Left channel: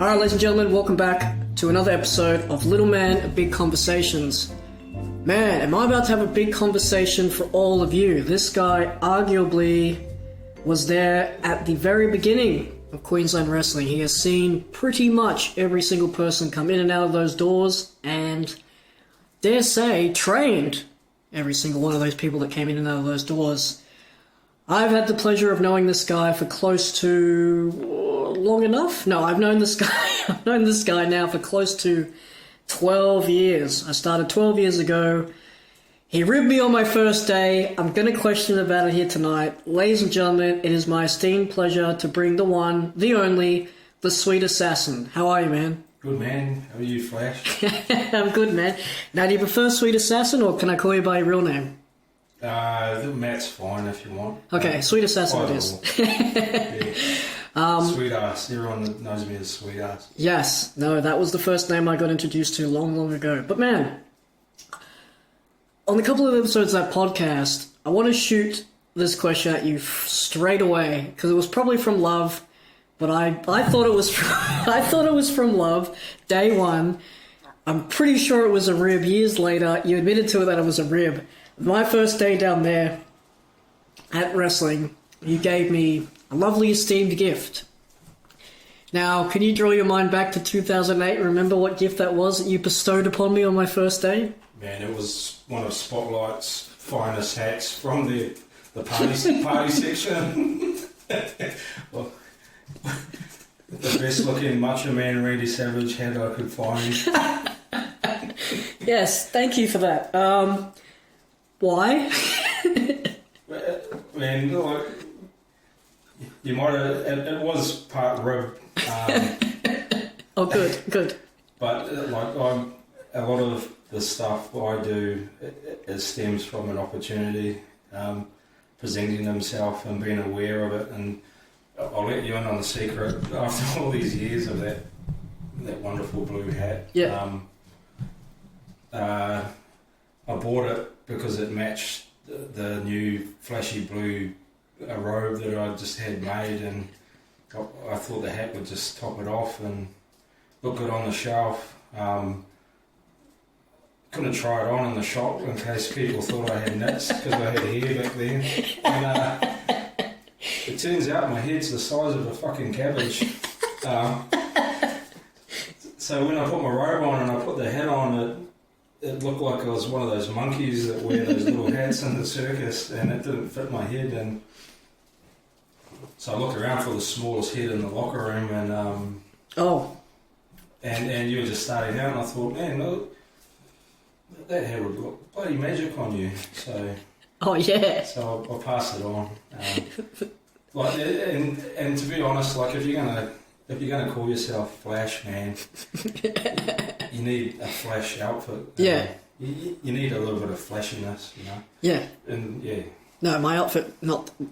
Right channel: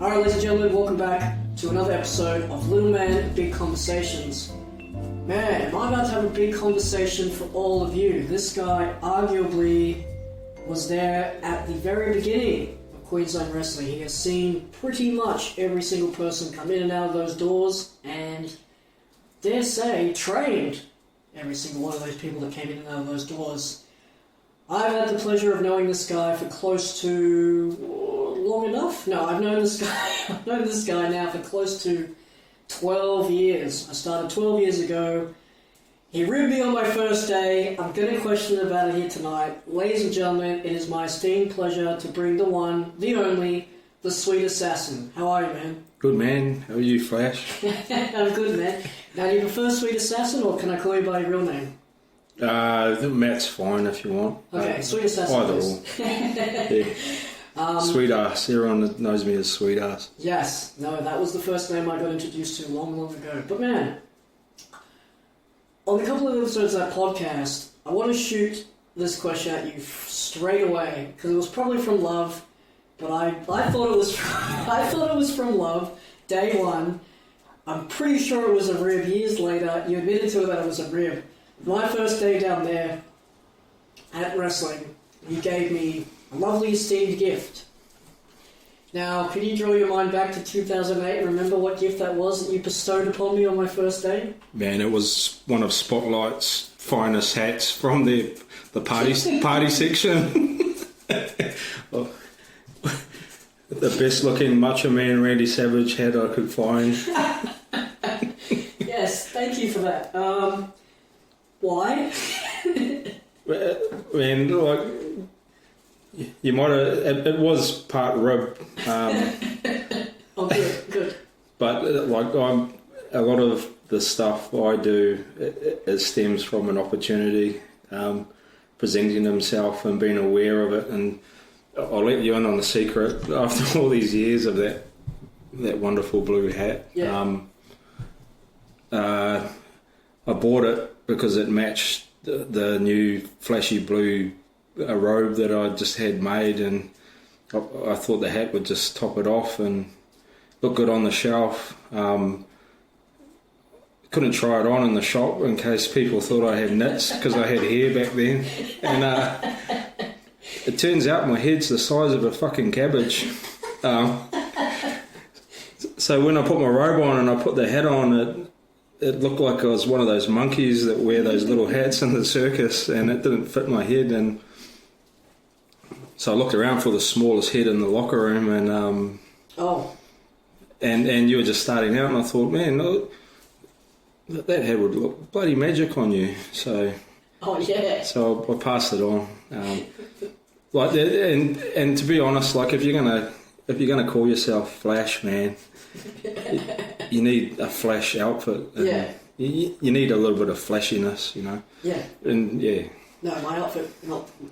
Alright, ladies and gentlemen, welcome back to another episode of Little Man Big Conversations. Man, am I about to have a big conversation for all of you. This guy arguably was there at the very beginning of Queensland Wrestling. He has seen pretty much every single person come in and out of those doors and, dare say, trained every single one of those people that came in and out of those doors. I've had the pleasure of knowing this guy for close to... long enough? No, I've known this guy now for close to 12 years. I started 12 years ago. He ribbed me on my first day. I'm going to question about it here tonight. Ladies and gentlemen, it is my esteemed pleasure to bring the one, the only, the Sweet Assassin. How are you, man? Good, man. How are you, Flash? I'm good, man. Now, do you prefer Sweet Assassin or can I call you by your real name? Matt's fine if you want. Okay, Sweet Assassin it is. Yeah. Sweet ass. Everyone knows me as Sweet ass. Yes. No, that was the first name I got introduced to long, long ago. But man, on a couple of episodes of that podcast, I want to shoot this question at you straight away because it was probably from love, but I thought it was from love. Day one, I'm pretty sure it was a rib. Years later, you admitted to it that it was a rib. My first day down there at wrestling, you gave me a lovely esteemed gift. Now, can you draw your mind back to 2008 and remember what gift that was that you bestowed upon me on my first day? Man, it was one of Spotlight's finest hats from the party section. Oh, the best looking Macho Man Randy Savage hat I could find. Yes, thank you for that. Why? Man, like... You might have... It was part rib. Oh, good. But a lot of the stuff I do, it stems from an opportunity, presenting himself and being aware of it. And I'll let you in on the secret. After all these years of that wonderful blue hat, yeah. I bought it because it matched the new flashy blue robe that I just had made, and I thought the hat would just top it off and look good on the shelf. Couldn't try it on in the shop in case people thought I had nits because I had hair back then. And it turns out my head's the size of a fucking cabbage. So when I put my robe on and I put the hat on, it looked like I was one of those monkeys that wear those little hats in the circus, and it didn't fit my head. And so I looked around for the smallest head in the locker room, and and you were just starting out, and I thought, man, look, that head would look bloody magic on you. So so I passed it on. And to be honest, like if you're gonna call yourself Flash, man, you need a flash outfit. Yeah. You need a little bit of flashiness, you know. Yeah. And yeah. No, my outfit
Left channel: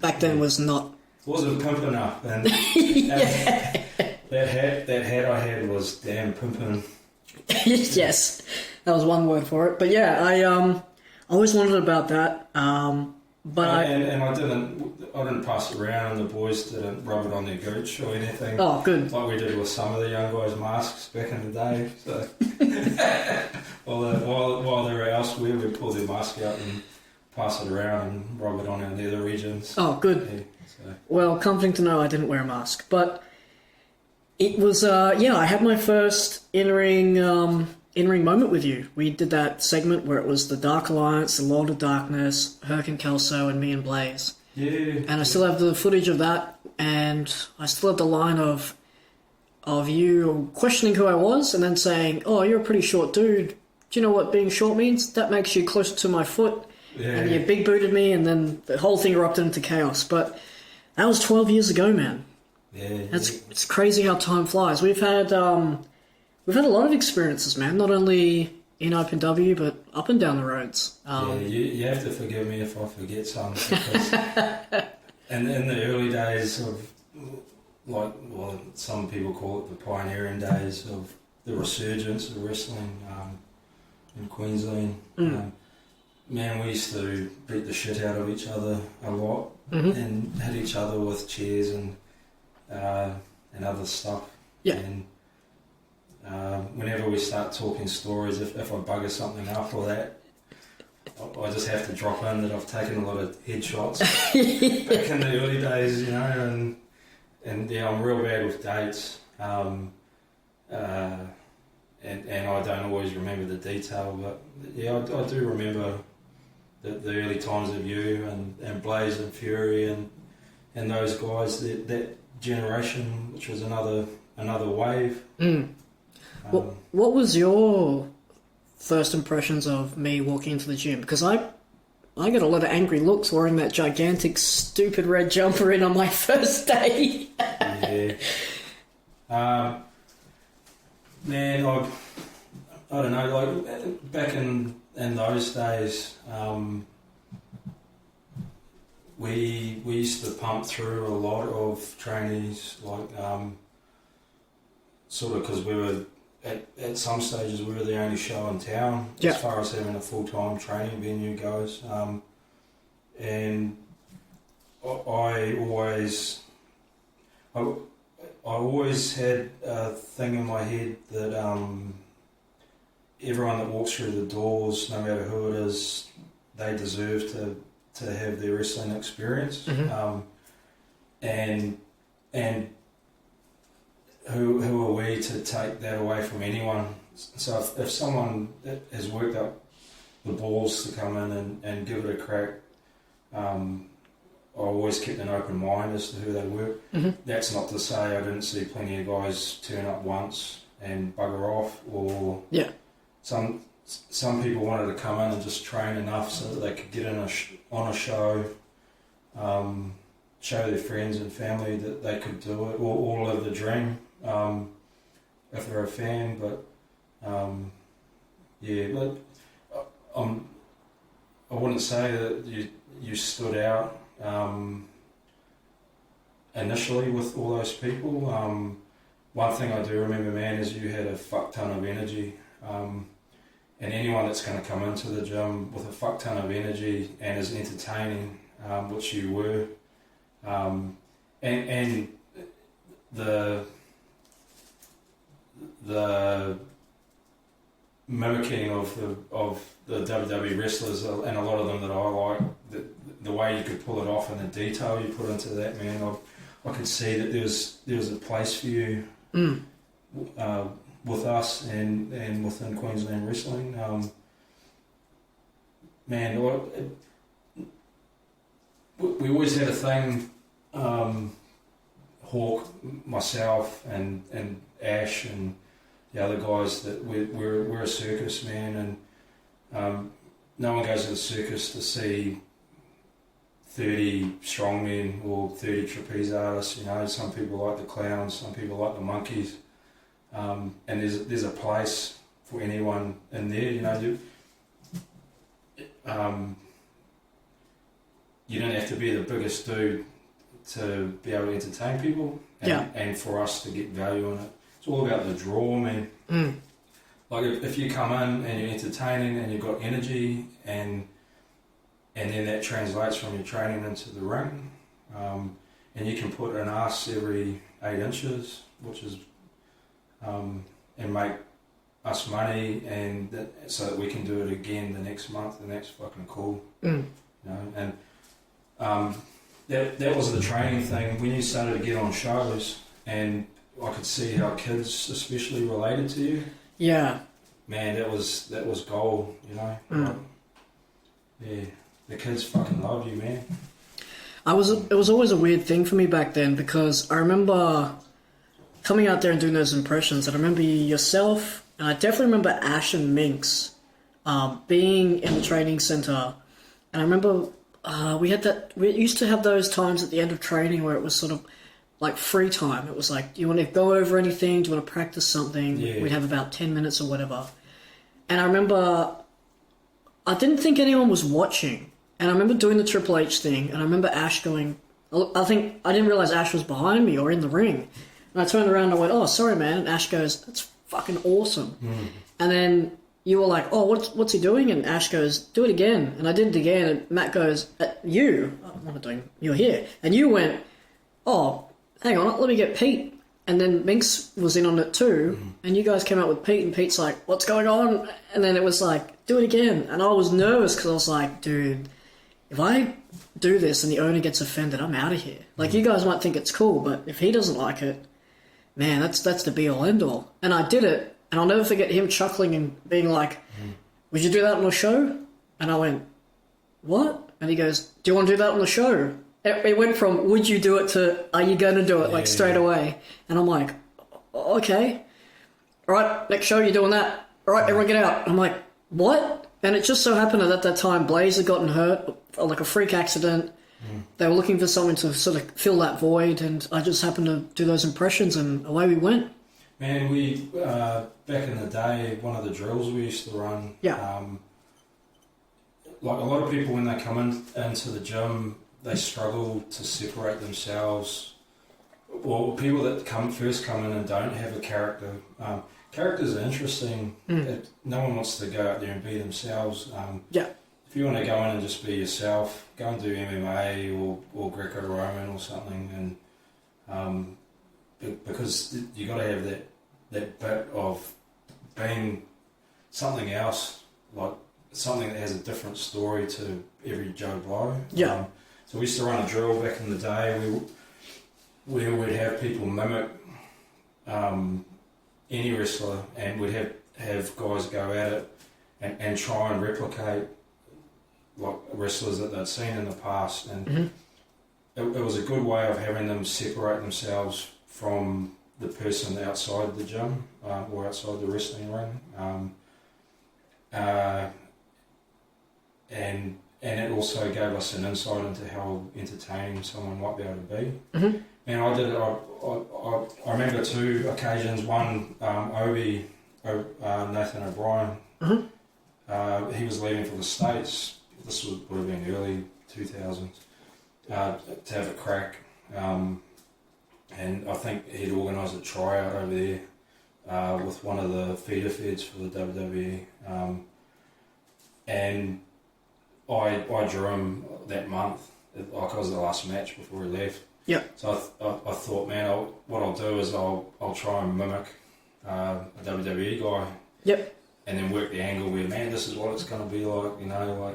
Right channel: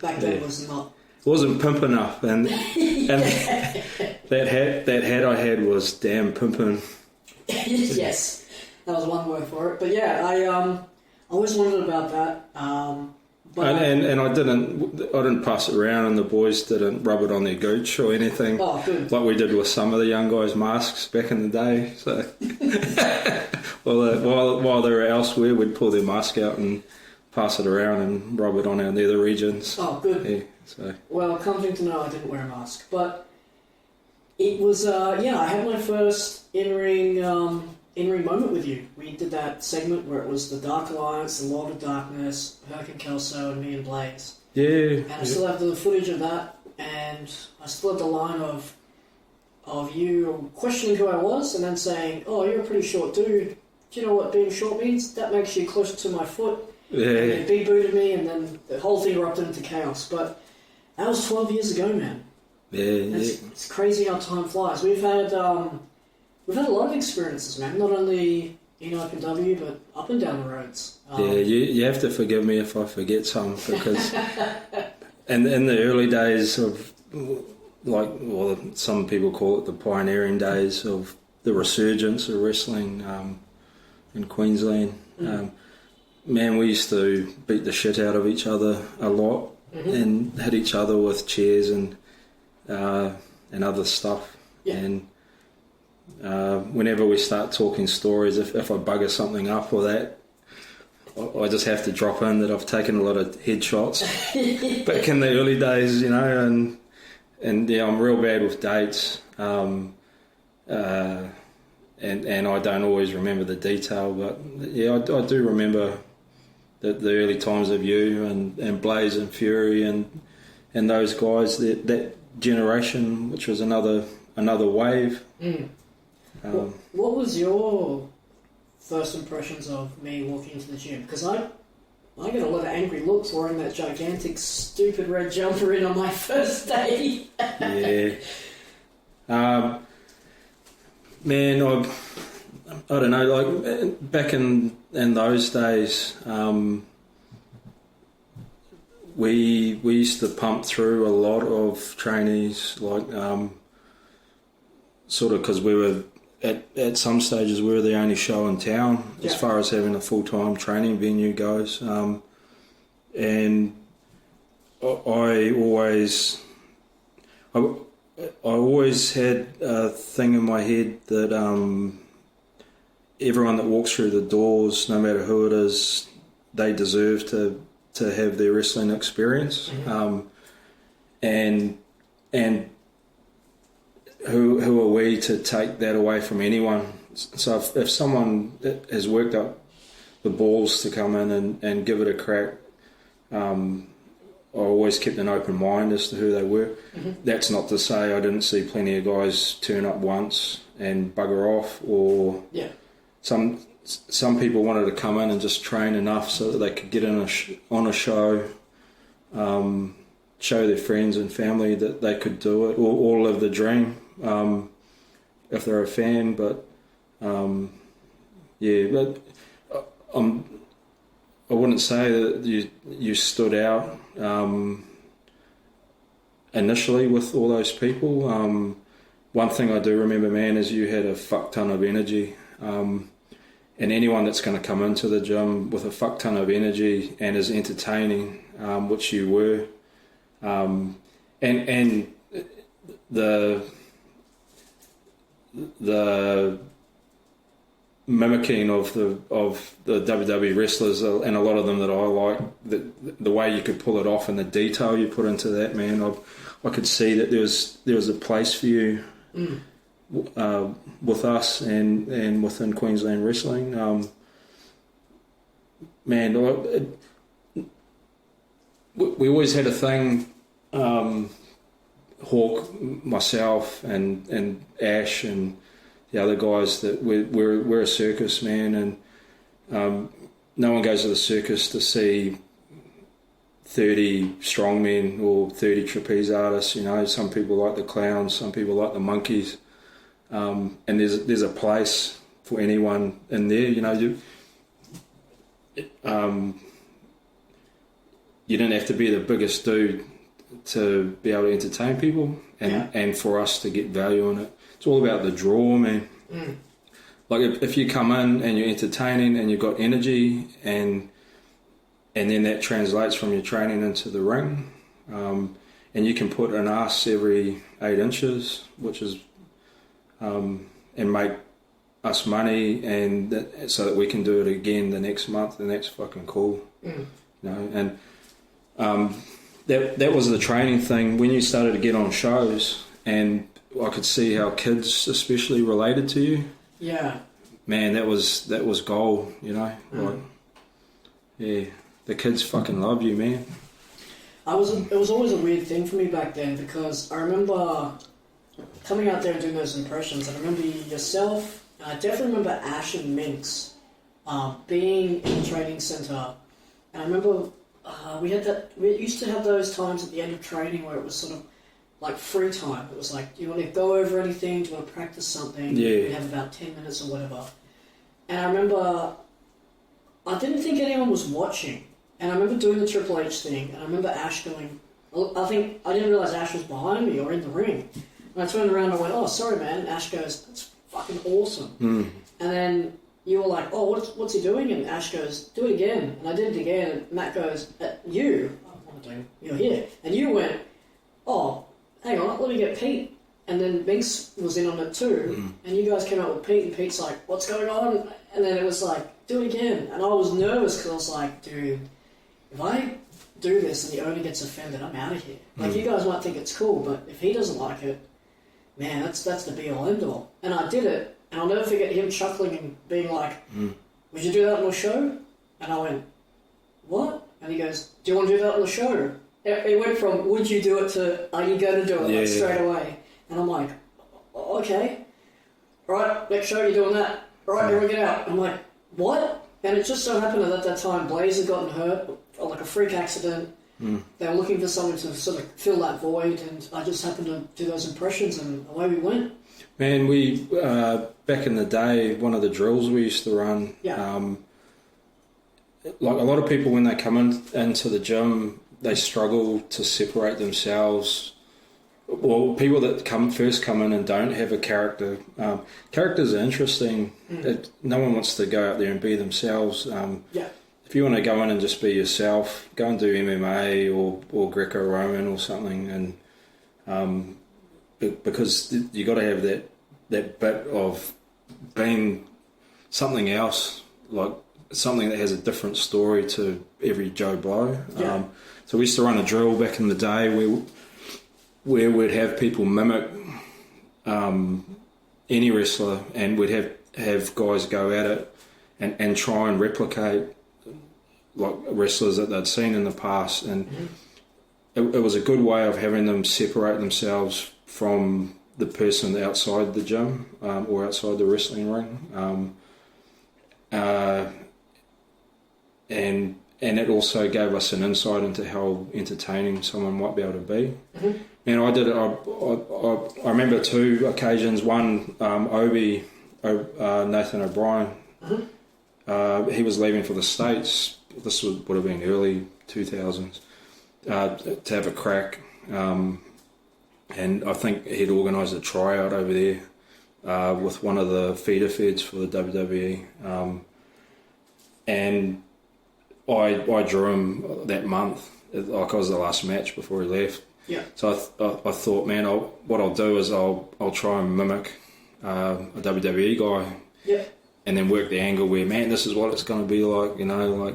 back then was not. It wasn't pimp enough, and that hat I had was damn pimpin'. Yes, that was one word for it. But yeah, I always wondered about that. But I didn't pass it around, and the boys didn't rub it on their gooch or anything. Oh, good. Like we did with some of the young guys' masks back in the day. So while they were elsewhere, we'd pull their mask out and pass it around and rub it on our nether regions. Oh, good. Yeah, so. Well, comforting to know I didn't wear a mask, but it was I had my first in-ring moment with you. We did that segment where it was the Dark Alliance, the Lord of Darkness, Herc and Kelso, and me and Blaze. Yeah. And I still have the footage of that, and I still have the line of you questioning who I was, and then saying, "Oh, you're a pretty short dude. Do you know what being short means? That makes you closer to my foot." Yeah. And you big booted me, and then the whole thing erupted into chaos. But that was 12 years ago, man. Yeah. It's crazy how time flies. We've had a lot of experiences, man. Not only in OpenW, but up and down the roads. You have to forgive me if I forget some, because in the early days of, some people call it the pioneering days of the resurgence of wrestling in Queensland. Man, we used to beat the shit out of each other a lot, and hit each other with chairs and other stuff. Yeah. And whenever we start talking stories, if I bugger something up or that, I just have to drop in that I've taken a lot of headshots back in the early days, you know, and yeah, I'm real bad with dates, and I don't always remember the detail, but yeah, I do remember the early times of you and Blaze and Fury and those guys, that generation, which was another wave. What was your first impressions of me walking into the gym? Because I got a lot of angry looks wearing that gigantic, stupid red jumper in on my first day. Yeah. Man, I don't know, like back in those days, we used to pump through a lot of trainees, like sort of because we were at some stages we were the only show in town as far as having a full-time training venue goes, and I always had a thing in my head that everyone that walks through the doors, no matter who it is, they deserve to have their wrestling experience. And who are we to take that away from anyone? So if someone has worked up the balls to come in and give it a crack, I always kept an open mind as to who they were. That's not to say I didn't see plenty of guys turn up once and bugger off, or some people wanted to come in and just train enough so that they could get in on a show, show their friends and family that they could do it, or live the dream, if they're a fan. But I wouldn't say that you stood out initially with all those people. One thing I do remember, man, is you had a fuck ton of energy, and anyone that's going to come into the gym with a fuck ton of energy and is entertaining, which you were, and the mimicking of the WWE wrestlers, and a lot of them that I like, the way you could pull it off and the detail you put into that, man, I could see that there was a place for you with us and within Queensland wrestling. Man, we always had a thing, Hawk, myself and Ash and the other guys, that we're a circus, man, and no one goes to the circus to see 30 strongmen or 30 trapeze artists. You know, some people like the clowns, some people like the monkeys, and there's a place for anyone in there. You know, you don't have to be the biggest dude to be able to entertain people, and for us to get value in it. It's all about the draw, man. Like if you come in and you're entertaining and you've got energy, and then that translates from your training into the ring, and you can put an ass every 8 inches, which is and make us money, and so that we can do it again the next month, and that's fucking cool. You know, and that was the training thing. When you started to get on shows, and I could see how kids especially related to you. Yeah. Man, that was gold, you know. Like, yeah, the kids fucking love you, man. It was always a weird thing for me back then, because I remember coming out there and doing those impressions, and I remember yourself, and I definitely remember Ash and Minx being in the training centre, and I remember we used to have those times at the end of training where it was sort of like free time. It was like, do you want to go over anything? Do you want to practice something? Yeah. We'd have about 10 minutes or whatever. And I remember, I didn't think anyone was watching. And I remember doing the Triple H thing, and I remember Ash going, I didn't realise Ash was behind me or in the ring. And I turned around and I went, oh, sorry, man. And Ash goes, that's fucking awesome. And then you were like, oh, what's he doing? And Ash goes, do it again. And I did it again, and Matt goes, what am I doing? You're here. And you went, oh, hang on, let me get Pete. And then Minx was in on it too, and you guys came out with Pete, and Pete's like, "What's going on?" And then it was like, "Do it again." And I was nervous because I was like, "Dude, if I do this and the owner gets offended, I'm out of here." Like, you guys might think it's cool, but if he doesn't like it, man, that's the be all end all. And I did it, and I'll never forget him chuckling and being like, "Would you do that on the show?" And I went, "What?" And he goes, "Do you want to do that on the show?" It went from "would you do it" to "are you going to do it?" Straight away. And I'm like, "Okay. All right, next show you're doing that. All right, everyone get out." I'm like, "What?" And it just so happened that at that time Blaze had gotten hurt, like a freak accident. They were looking for someone to sort of fill that void, and I just happened to do those impressions, and away we went. Man, we back in the day, one of the drills we used to run. Like a lot of people when they come into the gym, they struggle to separate themselves. Well, people that first come in and don't have a character. Characters are interesting. No one wants to go out there and be themselves. If you want to go in and just be yourself, go and do MMA or Greco-Roman or something, and because you got to have that bit of being something else, like something that has a different story to every Joe Blow. So we used to run a drill back in the day where we'd have people mimic any wrestler, and we'd have guys go at it and try and replicate like wrestlers that they'd seen in the past, and it was a good way of having them separate themselves from the person outside the gym or outside the wrestling ring, and it also gave us an insight into how entertaining someone might be able to be. And I did it. I remember two occasions. One, Nathan O'Brien. He was leaving for the States. This would have been early 2000s to have a crack, and I think he'd organised a tryout over there with one of the feeder feds for the WWE, and I drew him that month. Like I was the last match before he left. So I thought, man, what I'll do is I'll try and mimic a WWE guy. And then work the angle where, man, this is what it's going to be like, you know, like.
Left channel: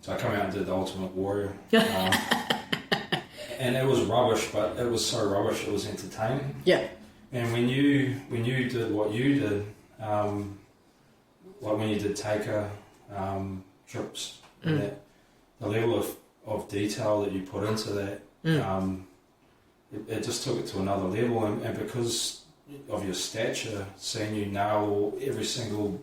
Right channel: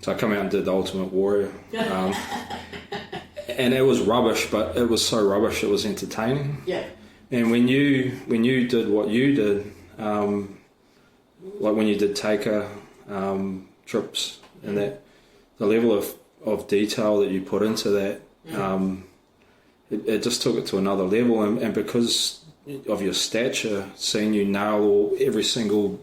So I come out and did the Ultimate Warrior, and it was rubbish, but it was so rubbish it was entertaining. And when you did what you did, like when you did Taker trips, and that the level of detail that you put into that, it just took it to another level, and because of your stature, seeing you nail every single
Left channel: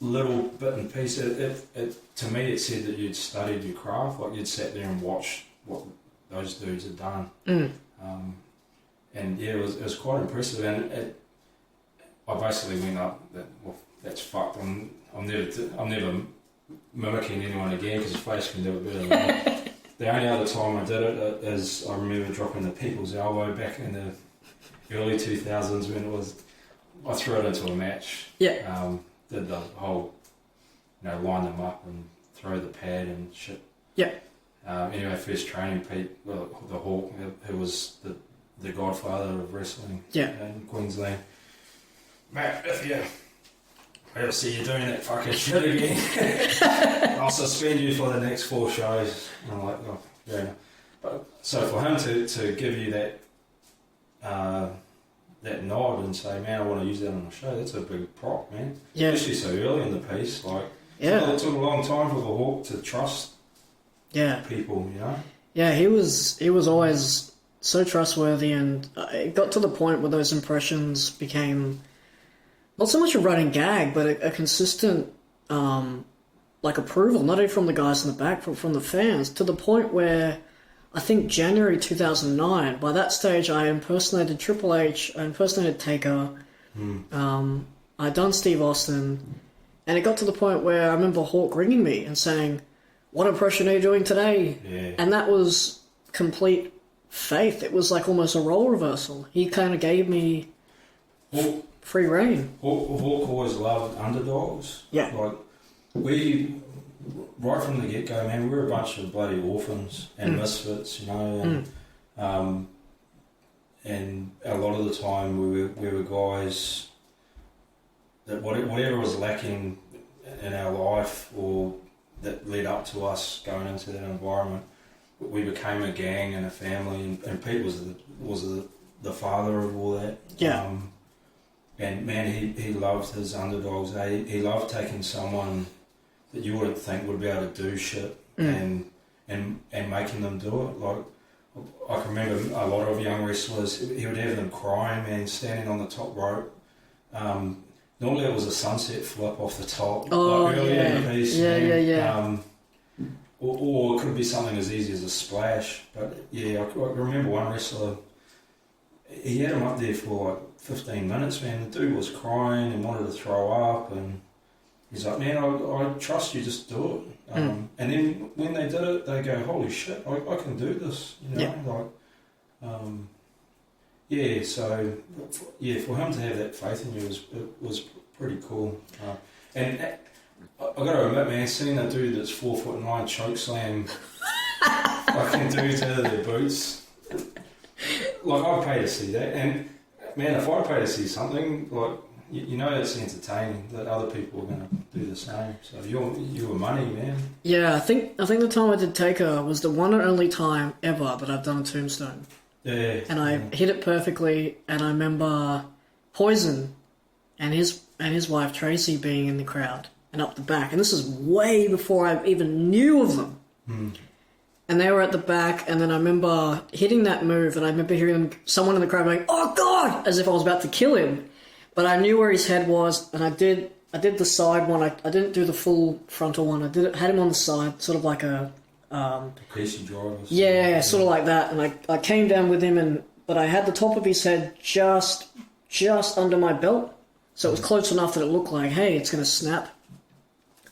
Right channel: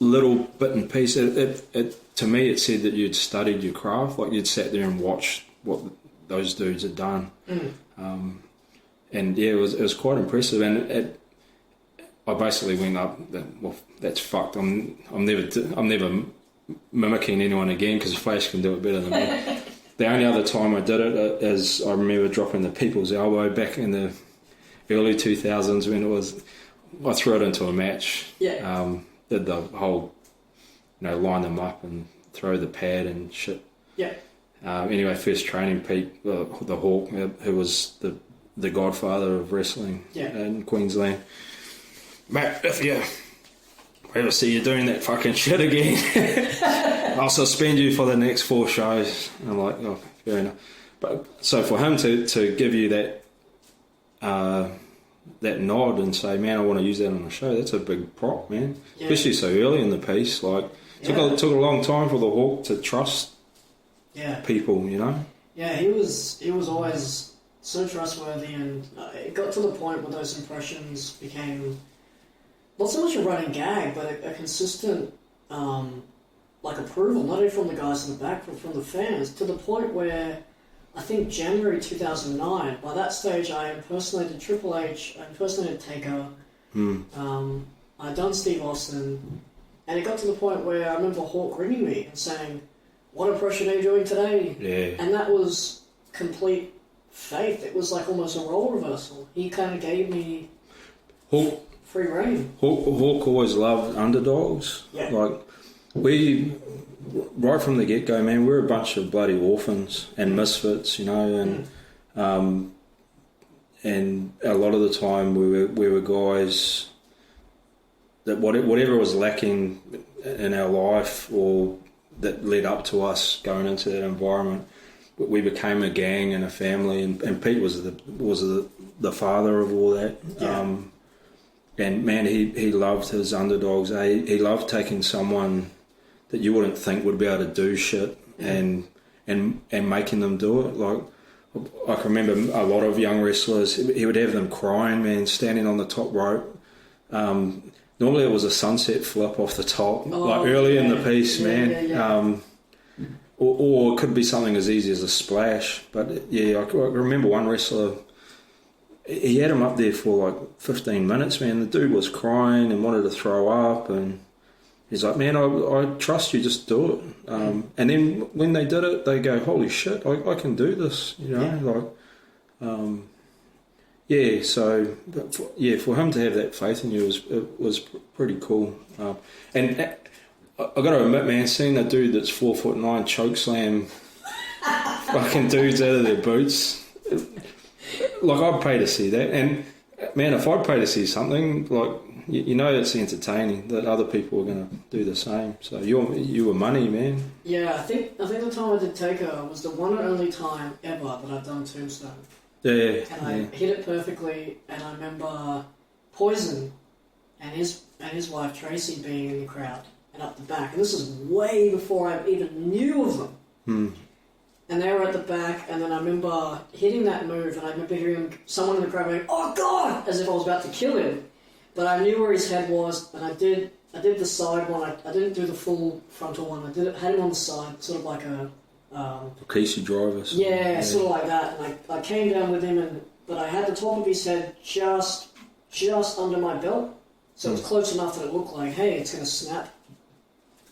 little bit and piece, it to me it said that you'd studied your craft, like you'd sat there and watched what those dudes had done. And yeah, it was quite impressive, and I basically went up, well, that's fucked. I'm never mimicking anyone again because Flash can do it better than me. The only other time I did it is I remember dropping the People's Elbow back in the early 2000s when I threw it into a match. Did the whole, line them up and throw the pad and shit. Anyway, first training, Pete, the Hawk, who was the godfather of wrestling in Queensland. Mate, if you ever see you doing that fucking shit again, I'll suspend you for the next 4 shows. And I'm like, oh, fair enough. But so for him to give you that nod and say, man, I want to use that on the show, that's a big prop, man. Especially so early in the piece. Like, it took a long time for the Hawk to trust people, you know? Yeah, he was always so trustworthy, and it got to the point where those impressions became not so much a running gag, but a consistent approval, not only from the guys in the back, but from the fans, to the point where I think January 2009, by that stage I impersonated Triple H, I impersonated Taker, I'd done Steve Austin, and it got to the point where I remember Hawk ringing me and saying, what impression are you doing today? And that was complete faith. It was like almost a role reversal. He kind of gave me free reign. Hawk always loved underdogs. Like, we, right from the get-go, man, we're a bunch of bloody orphans and misfits, you know, and and a lot of the time we were guys that whatever was lacking in our life or that led up to us going into that environment, we became a gang and a family, and Pete was the father of all that. Yeah. And man, he loved his underdogs. He loved taking someone that you wouldn't think would be able to do shit and making them do it. Like, I can remember a lot of young wrestlers, he would have them crying, man, standing on the top rope. Normally it was a sunset flip off the top, like early in the piece, man. Yeah. Or it could be something as easy as a splash. But yeah, I remember one wrestler, he had him up there for like 15 minutes, man. The dude was crying and wanted to throw up, and he's like, man, I trust you, just do it. And then when they did it, they go, holy shit, I can do this, you know, so for him to have that faith in you was pretty cool. And I gotta admit, man, seeing that dude that's 4'9" choke slam fucking dudes out of their boots, like, I'd pay to see that. And man, if I'd pay to see something, like, you know, it's entertaining that other people are gonna do the same. So you were money, man. Yeah, I think the time I did Taker was the one and only time ever that I've done Tombstone. Yeah. And I hit it perfectly, and I remember Poison and his wife Tracy being in the crowd and up the back, and this is way before I even knew of them. And they were at the back, and then I remember hitting that move, and I remember hearing someone in the crowd going, "Oh God!" as if I was about to kill him. But I knew where his head was, and I did the side one. I didn't do the full frontal one. I had him on the side, sort of like a Casey drivers. Yeah, sort of like that. And I came down with him, but I had the top of his head just under my belt, so it was close enough that it looked like, hey, it's going to snap.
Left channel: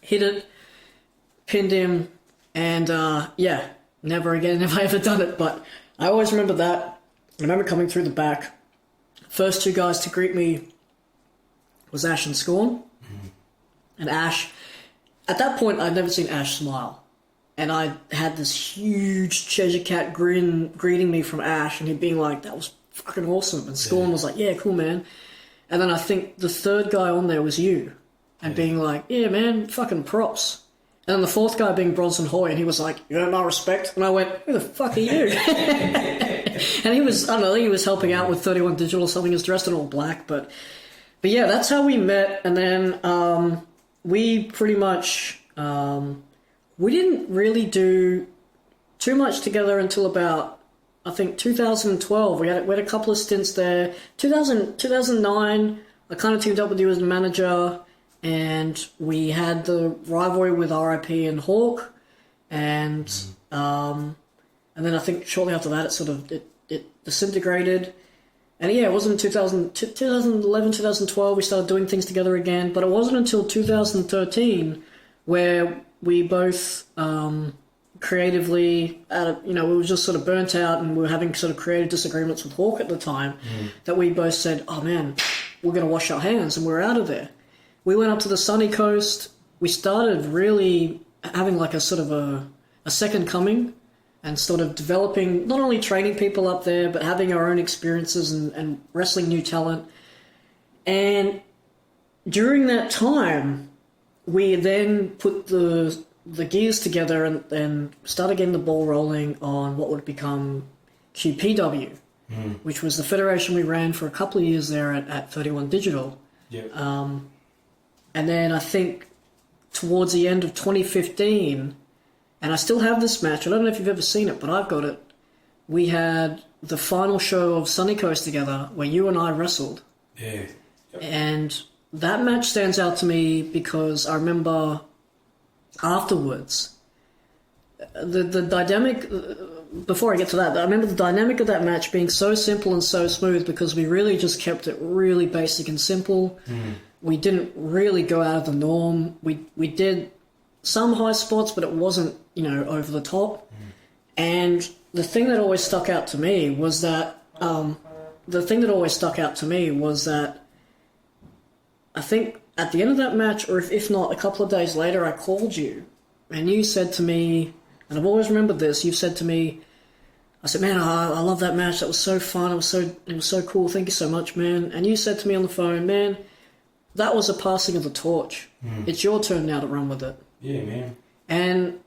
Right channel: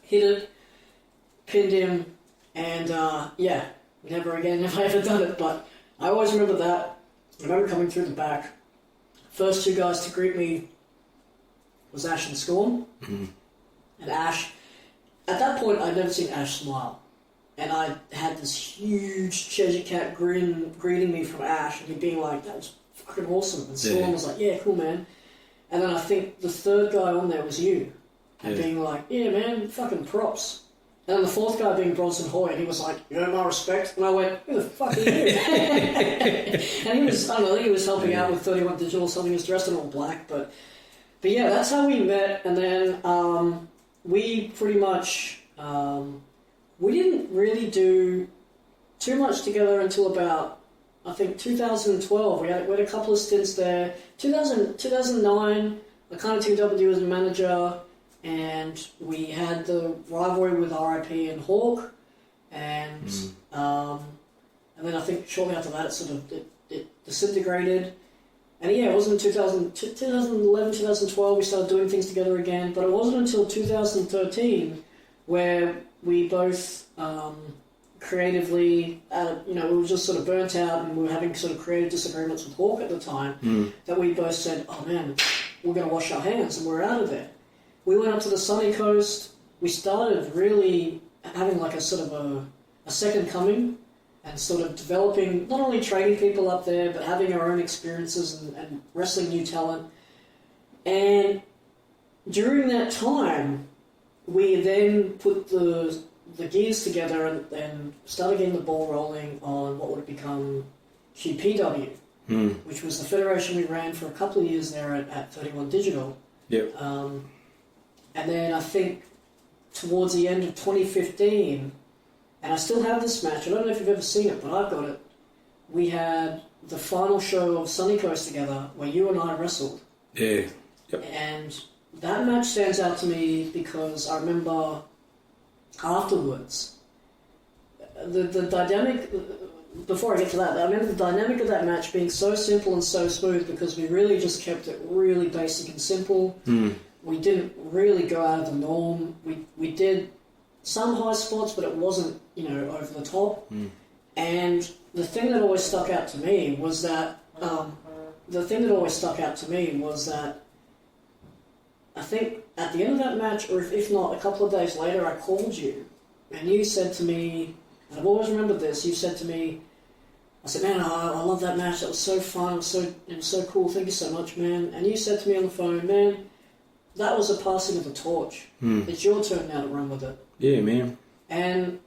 Hit it, pinned him, and never again have I ever done it. But I always remember that. I remember coming through the back. First two guys to greet me was Ash and Scorn. And Ash, at that point, I'd never seen Ash smile. And I had this huge Cheshire Cat grin greeting me from Ash, and he'd being like, that was fucking awesome. And Scorn was like, yeah, cool, man. And then I think the third guy on there was you, and being like, yeah, man, fucking props. And then the fourth guy being Bronson Hoy, and he was like, you know, my respect. And I went, who the fuck are you? And he was, I don't know, he was helping out with 31 Digital or something. He was dressed in all black. But yeah, that's how we met. And then we pretty much, we didn't really do too much together until about, I think, 2012. We had a couple of stints there. 2009, I kind of teamed up with you as the manager. And we had the rivalry with RIP and Hawk, and then I think shortly after that it disintegrated. And yeah, it wasn't in 2011, 2012 we started doing things together again, but it wasn't until 2013 where we both creatively, we were just sort of burnt out and we were having sort of creative disagreements with Hawk at the time, that we both said, oh man, we're going to wash our hands, and we're out of there. We went up to the sunny coast. We started really having like a sort of a second coming, and sort of developing, not only training people up there, but having our own experiences and wrestling new talent. And during that time, we then put the gears together and started getting the ball rolling on what would become QPW, which was the federation we ran for a couple of years there at 31 Digital. Yep. And then I think towards the end of 2015, and I still have this match, I don't know if you've ever seen it, but I've got it. We had the final show of Sunny Coast together where you and I wrestled. Yeah. Yep. And that match stands out to me because I remember afterwards, the dynamic, before I get to that, I remember the dynamic of that match being so simple and so smooth because we really just kept it really basic and simple. We didn't really go out of the norm. We did some high spots, but it wasn't, over the top. And the thing that always stuck out to me was that I think at the end of that match, or if not a couple of days later, I called you and you said to me, and I've always remembered this, you said to me, I said, man, I love that match. That was so fun. It was so cool. Thank you so much, man. And you said to me on the phone, man, that was a passing of the torch. It's your turn now to run with it. Yeah, man. And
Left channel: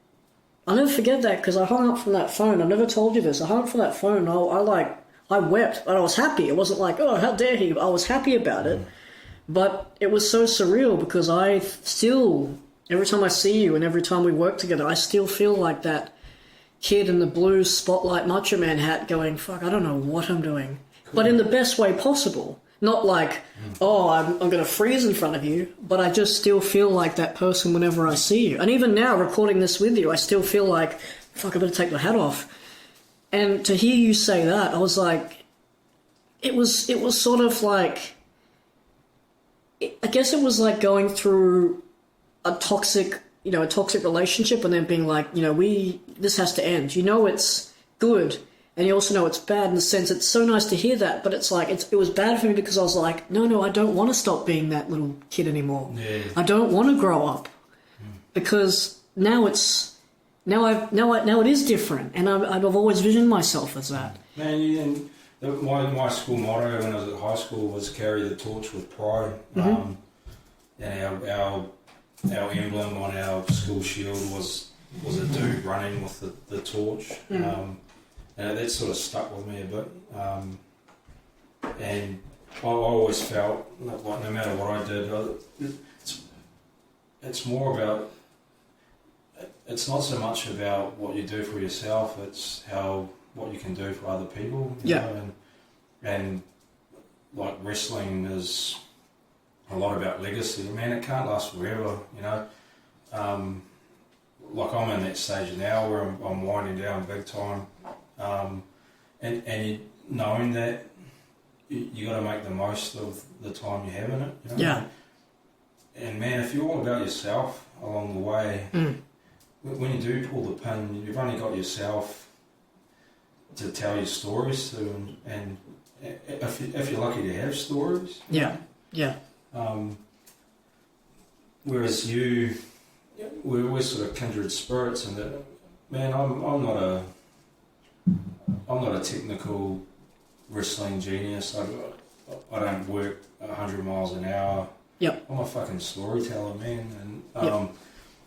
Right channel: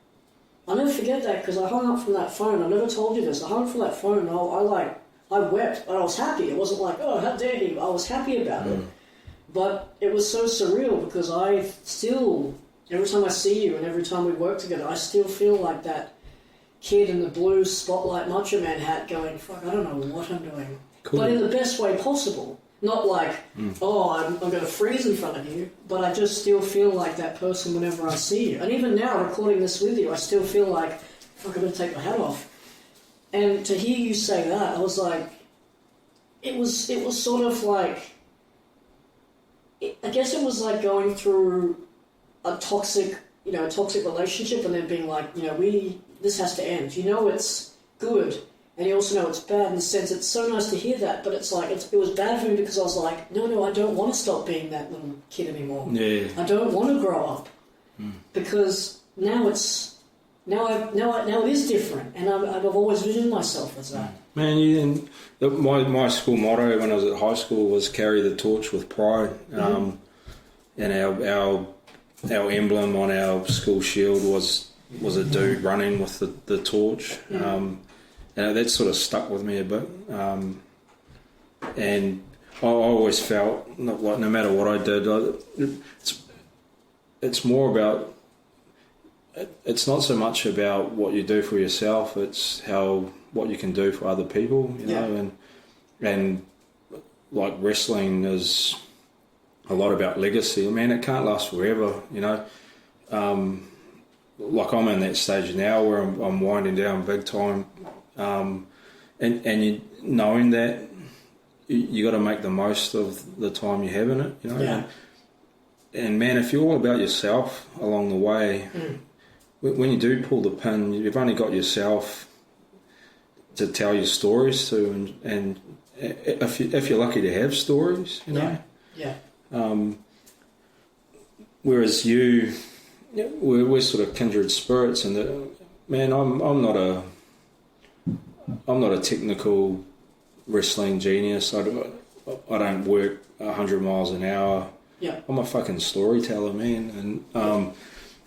I'll never forget that because I hung up from that phone. I never told you this. I hung up from that phone. I wept, but I was happy. It wasn't like, oh, how dare he? I was happy about it. But it was so surreal because I still, every time I see you and every time we work together, I still feel like that kid in the blue spotlight Macho Man hat going, fuck, I don't know what I'm doing. Cool. But in the best way possible. Not like, oh, I'm going to freeze in front of you, but I just still feel like that person whenever I see you. And even now, recording this with you, I still feel like, fuck, I better take my hat off. And to hear you say that, I was like, it was sort of like, I guess it was like going through a toxic relationship and then being like, this has to end. You know it's good, and you also know it's bad in the sense it's so nice to hear that, but it's like, it was bad for me because I was like, no, I don't want to stop being that little kid anymore. Yeah. I don't want to grow up because now it is different, and I've always visioned myself as that. Man, my school motto when I was at high school was carry the torch with pride. And our emblem on our school shield was a dude running with the torch. And that sort of stuck with me a bit. And I always felt like no matter what I did, it's more about, it's not so much about what you do for yourself, it's what you can do for other people, you know, and like wrestling is a lot about legacy. Man, it can't last forever, you know. Like I'm in that stage now where I'm winding down big time, and you knowing that you got to make the most of the time you have in it, you know. Yeah. And man, if you're all about yourself along the way, when you do pull the pin, you've only got yourself to tell your stories to, and if you're lucky to have stories, you know? Whereas we're sort of kindred spirits, and man, I'm not a technical wrestling genius. I don't work 100 miles an hour. Yep. I'm a fucking storyteller, man, and I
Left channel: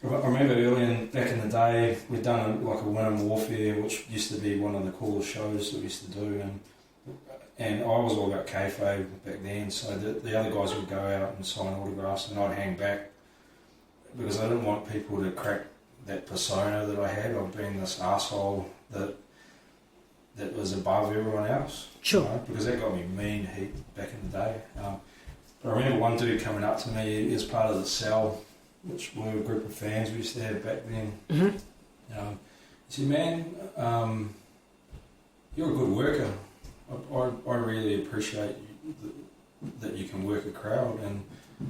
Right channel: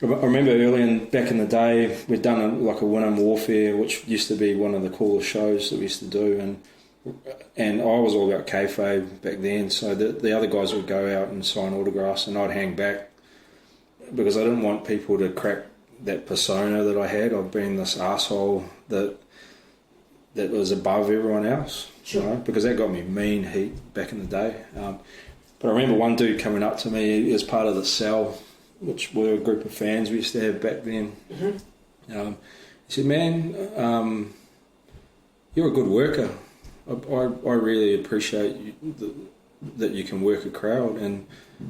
remember back in the day, we'd done a Winham Warfare, which used to be one of the coolest shows that we used to do, and I was all about kayfabe back then, so the other guys would go out and sign autographs and I'd hang back because I didn't want people to crack that persona that I had of being this asshole that was above everyone else. Sure. You know, because that got me mean heat back in the day. But I remember one dude coming up to me as part of the Cell, which were a group of fans we used to have back then. He said, man, you're a good worker. I really appreciate that you can work a crowd, and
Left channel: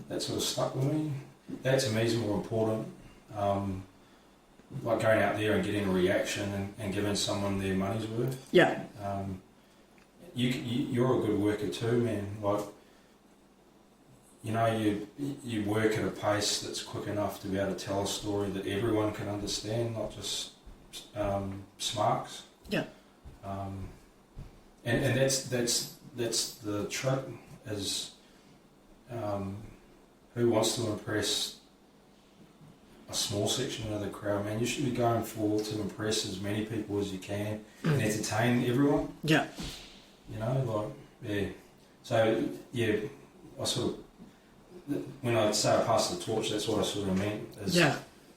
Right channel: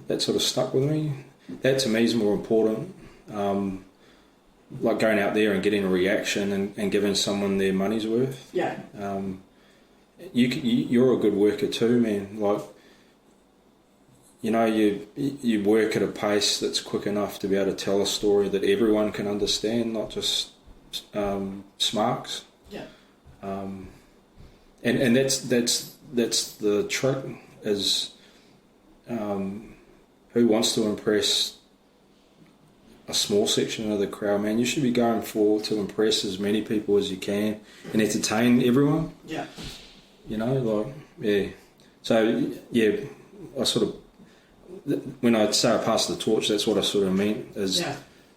that sort of stuck with me. That to me is more important. Like going out there and getting a reaction and giving someone their money's worth. Yeah. You're a good worker too, man. Like, you know, you work at a pace that's quick enough to be able to tell a story that everyone can understand, not just smarks. Yeah. And that's the trick is who wants to impress a small section of the crowd, man. You should be going forward to impress as many people as you can and entertain everyone. Yeah. You know, like, yeah. So, yeah, I sort of, when I say I passed the torch, that's what I sort of meant. Is,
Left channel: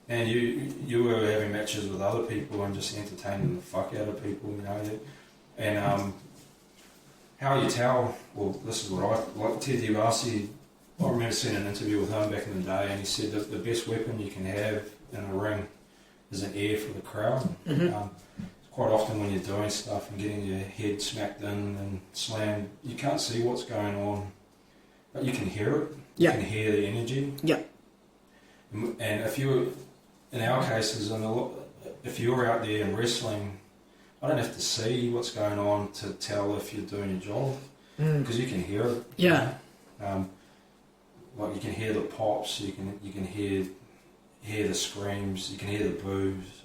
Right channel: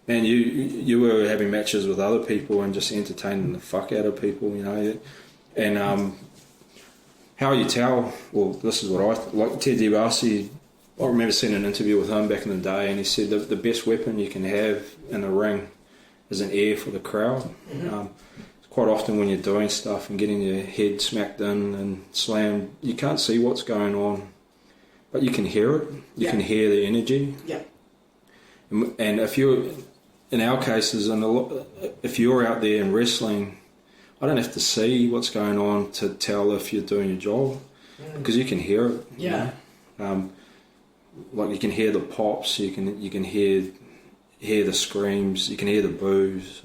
man, you were having matches with other people and just entertaining the fuck out of people, you know. And how you tell, well, this is what I, like Ted DiBiase, I remember seeing an interview with him back in the day, and he said that the best weapon you can have in a ring is an ear for the crowd. Quite often when you're doing stuff and getting your head smacked in and slammed, you can't see what's going on, but you can hear it. You can hear the energy. Yeah. And if you're, in our cases, if you're out there in wrestling, I don't have to see what's going on to tell if you're doing your job, because you can hear it. Yeah. Like you can hear the pops, you can hear the screams, you can hear the boos.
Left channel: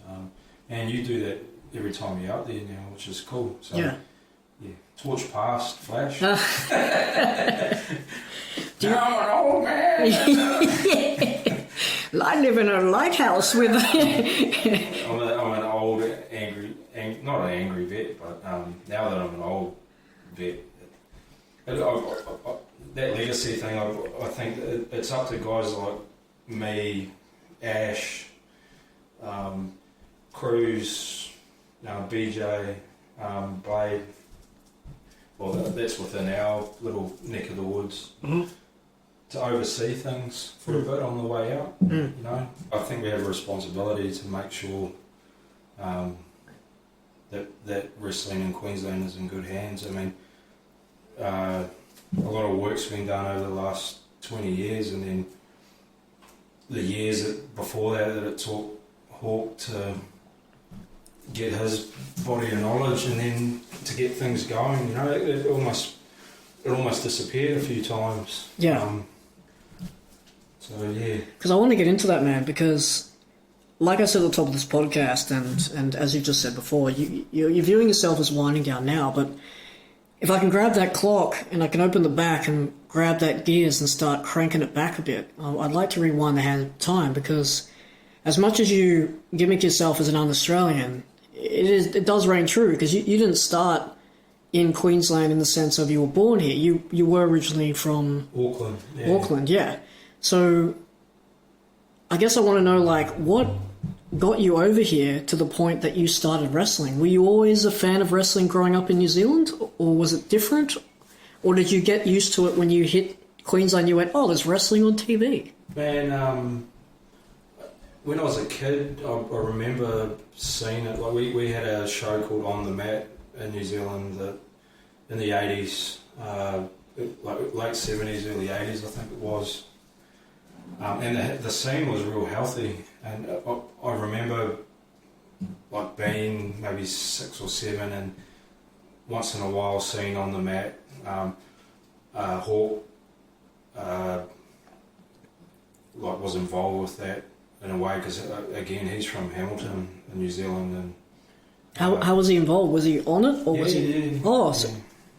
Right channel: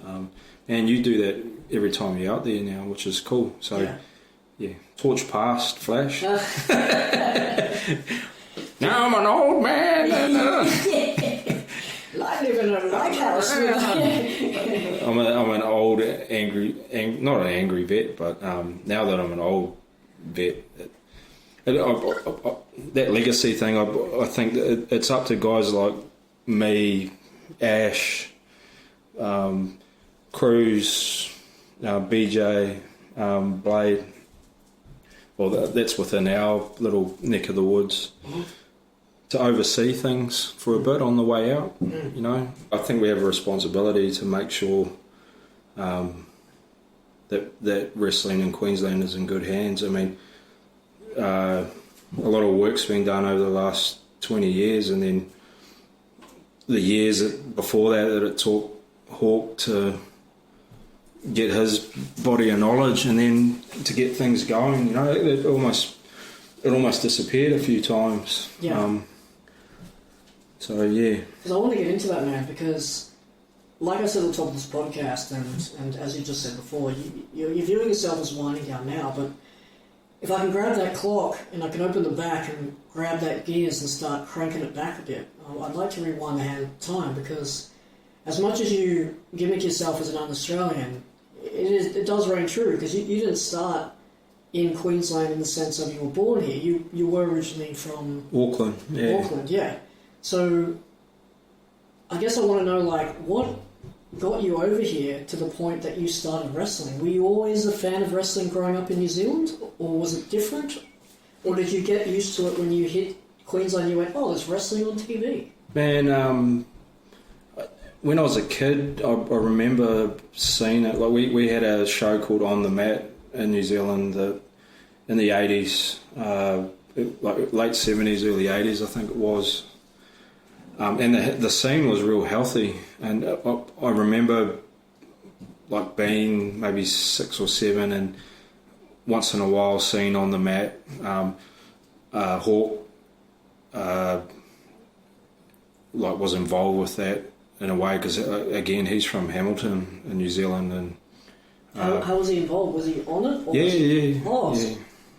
And you do that every time you're out there now, which is cool. So, yeah. Torch past, Flash. Now I'm an old man. I live in a lighthouse with... I'm an old, angry, not an angry vet, but now that I'm an old vet, that legacy thing, I think it's up to guys like me, Ash, Cruz, BJ, Blade. Well, that's within our little neck of the woods. Mm-hmm. To oversee things for a bit on the way out, you know. I think we have a responsibility to make sure that wrestling in Queensland is in good hands. I mean, a lot of work's been done over the last 20 years, and then the years before that it took Hawk to get his body of knowledge, and then to get things going. You know, it almost disappeared a few times. Yeah. So yeah, because I want to get into that, man, because like I said at the top of this podcast, and as you just said before, you're viewing yourself as winding down now, but if I can grab that clock and I can open the back and grab that gears and start cranking it back a bit, I'd like to rewind the hand of time, because as much as you gimmick yourself as an un-Australian, it does ring true, because you didn't start in Queensland in the sense of you were born here. You were originally from Auckland. Yeah. Auckland, yeah. So I guess I want to know, like, what got you over here to the point that you started wrestling? Were you always a fan of wrestling growing up in New Zealand, or was it different? Or did you get used to it when you hit Queensland, you went, oh, there's wrestling on TV? Man, when I was a kid, I remember seeing it. Like we had a show called On the Mat in New Zealand in the 80s, like late 70s, early 80s, I think it was. And the scene was real healthy, and I remember like being maybe 6 or 7, and once in a while seeing On the Mat, Hawk like was involved with that in a way, because again he's from Hamilton in New Zealand. And how was he involved? Was he on it? Or yeah, was he... yeah. Oh, yeah. So,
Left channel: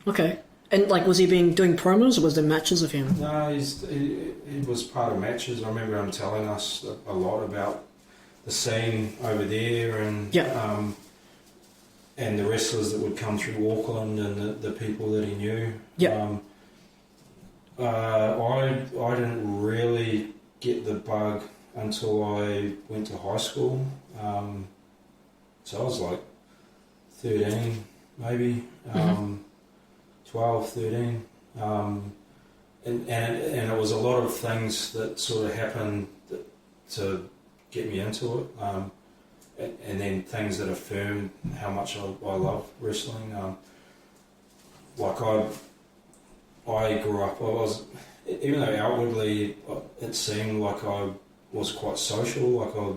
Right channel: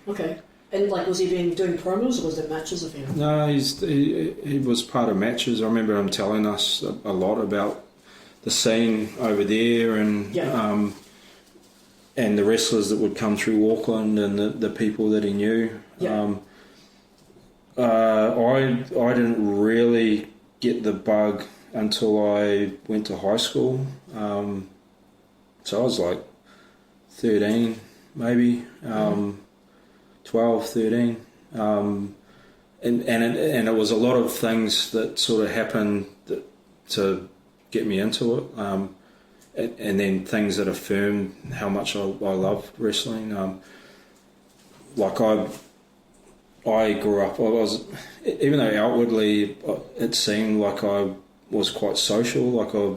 okay. And like, was he doing promos, or was there matches of him? No, he was part of matches. I remember him telling us a lot about the scene over there, and and the wrestlers that would come through Auckland, and the people that he knew. Yeah. I didn't really get the bug until I went to high school. So I was like 13, maybe. 12, 13, and it was a lot of things that sort of happened to get me into it, and then things that affirmed how much I love wrestling. Like I grew up, even though outwardly it seemed like I was quite social, like I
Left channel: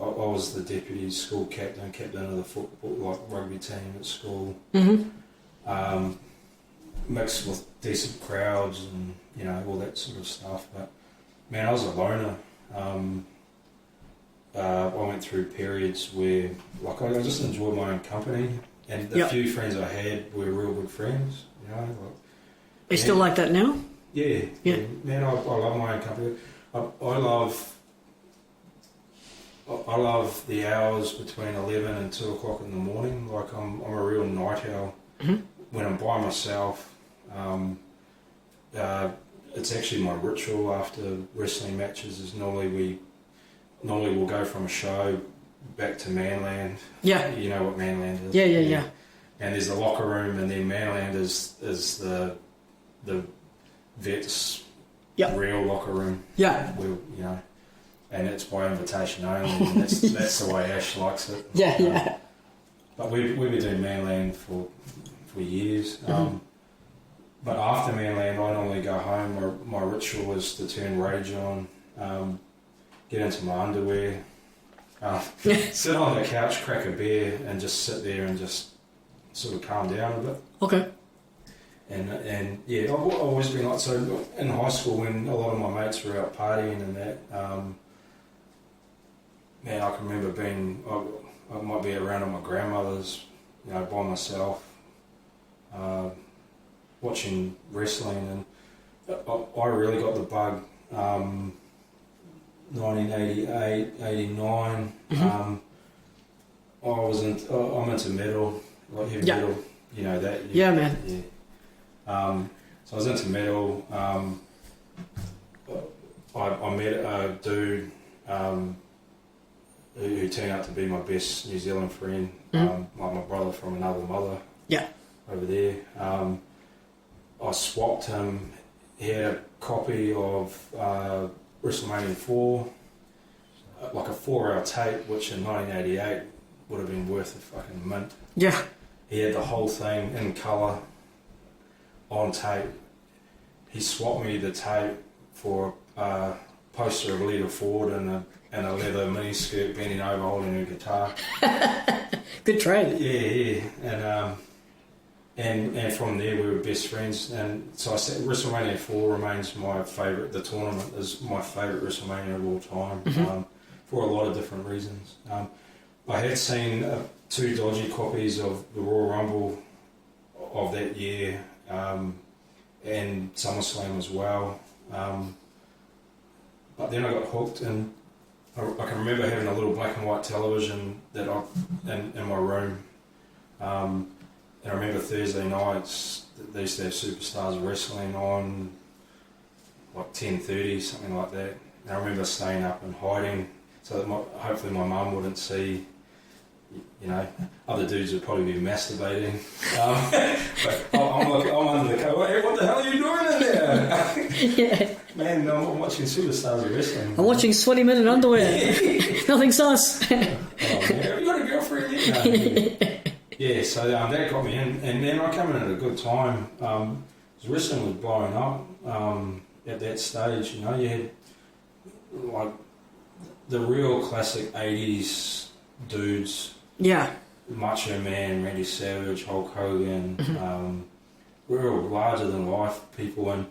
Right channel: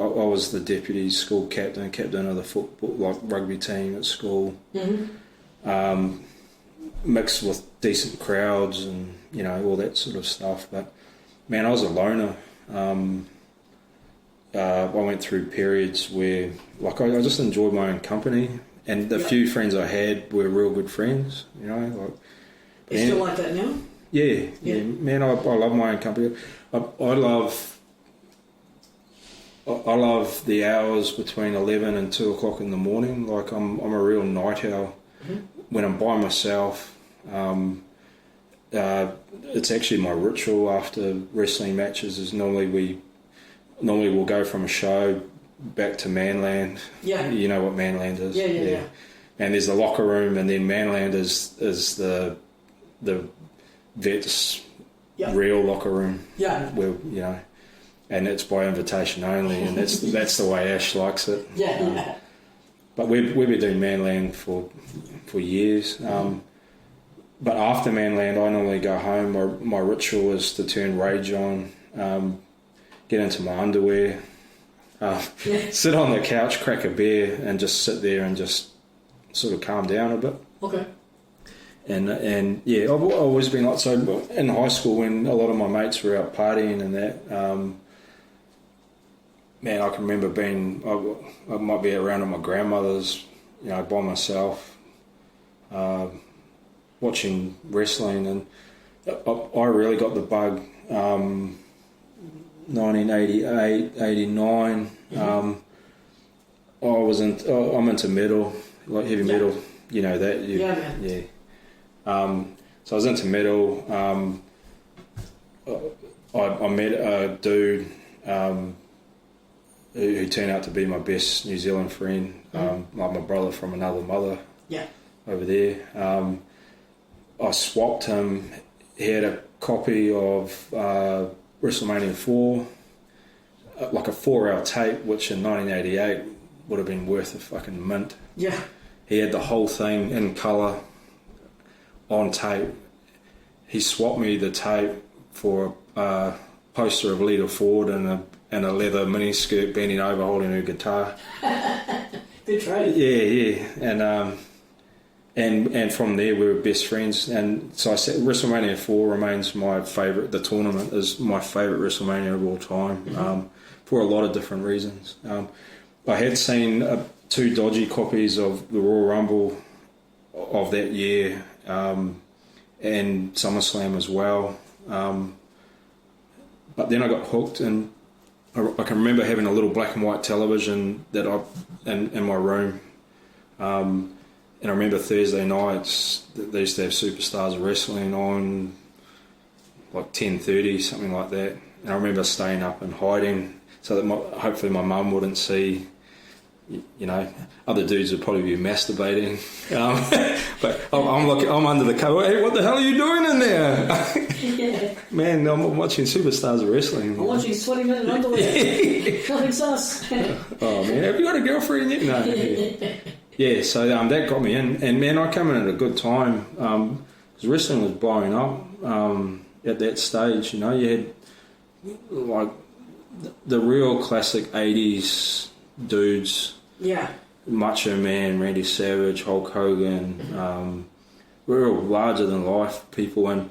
was the deputy school captain of the football, like rugby team at school. Mm-hmm. Mixed with decent crowds and, you know, all that sort of stuff. But man, I was a loner. I went through periods where, like, I just enjoyed my own company, and the few friends I had were real good friends. You know, like. You still like that now? Yeah. Man, I love my own company. I love the hours between 11 and 2 o'clock in the morning. Like, I'm a real night owl. Mm-hmm. When I'm by myself, it's actually my ritual after wrestling matches. Is normally we'll go from a show back to Manland. Yeah, you know what Manland is. Yeah. And there's the locker room, and then Manland is the vets' real locker room. Yeah, where, you know, and it's by invitation only, and that's the way Ash likes it. Yeah. But we've been doing Manland for years. But after Manland, I normally go home. My ritual is to turn rage on, get into my underwear, sit on the couch, crack a beer, and just sit there and just sort of calm down a bit. Okay. And yeah, I've always been like, so in high school when a lot of my mates were out partying and that, man, I can remember being, I might be around at my grandmother's, you know, by myself, watching wrestling, and I really got the bug, 1988, 89. I'm into metal, like heavy metal, you know that. Yeah, man. Yeah. So I was into metal. I met a dude who turned out to be my best New Zealand friend, like my brother from another mother. Yeah. Over there. I swapped him. He had a copy of WrestleMania 4, like a 4-hour tape, which in 1988 would have been worth a fucking mint. Yeah. He had the whole thing in colour on tape. He swapped me the tape for a poster of Lita Ford and a leather miniskirt bending over holding her guitar. Good trade. Yeah. And from there we were best friends. And so I said WrestleMania 4 remains my favourite. The tournament is my favourite WrestleMania of all time, for a lot of different reasons. I had seen 2 dodgy copies of the Royal Rumble of that year, and SummerSlam as well. But then I got hooked, and I can remember having a little black and white television that in my room. And I remember Thursday nights, they used to have Superstars of Wrestling on, like 10:30, something like that. And I remember staying up and hiding so that hopefully my mum wouldn't see. You know, other dudes would probably be masturbating. But I'm under the cover. Hey, what the hell are you doing in there? Yeah. Man, I'm watching Superstars of Wrestling. I'm watching Sweaty Men in underwear. Nothing sus. Oh, man, have you got a girlfriend yet? No. Yeah, so that got me in. And, man, I come in at a good time. Because wrestling was blowing up at that stage. You know, you had, like, the real classic 80s dudes. Yeah. Macho Man, Randy Savage, Hulk Hogan, real larger than life people. And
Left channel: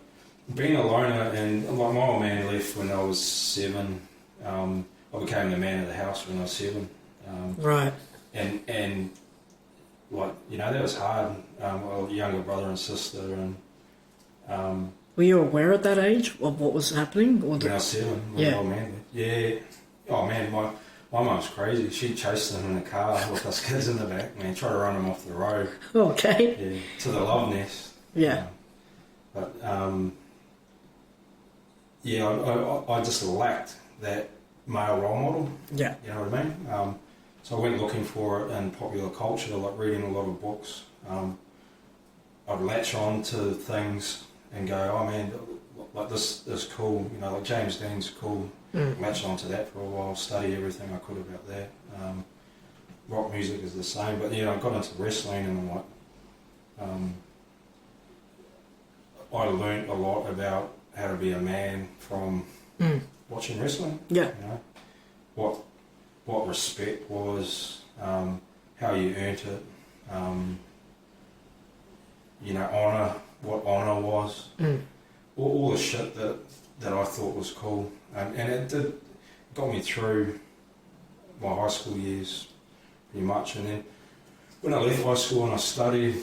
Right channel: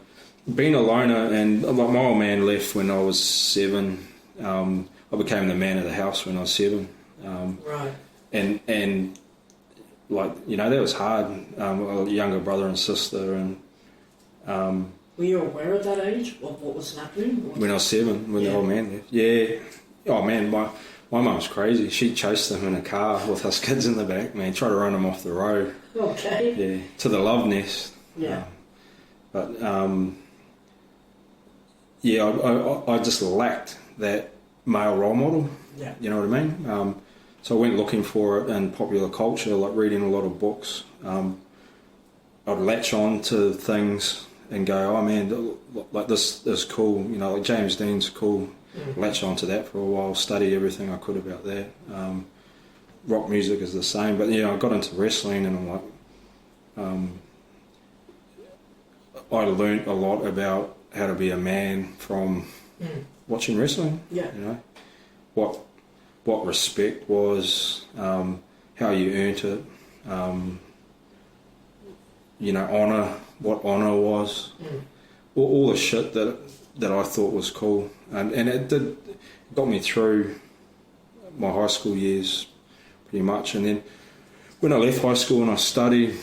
being a loner, and like my old man left when I was 7. I became the man of the house when I was 7. Right. And like, you know, that was hard. A younger brother and sister, and were you aware at that age of what was happening? when I was 7, when the old man left. Yeah. Oh man, my mum's crazy. She chased them in a car with us kids in the back, man, try to run them off the road. Okay. Yeah, to the love nest. Yeah. But, I just lacked that male role model. Yeah. You know what I mean? So I went looking for it in popular culture, like reading a lot of books. I'd latch on to things and go, oh man, like this is cool. You know, like James Dean's cool. Latch on to that for a while, study everything I could about that. Rock music is the same, but yeah, I got into wrestling, and I learnt a lot about how to be a man from watching wrestling. Yeah. You know, what respect was, how you earned it. You know, honour, what honour was. All the shit that I thought was cool, and it got me through my high school years pretty much. And then when I left high school and I studied,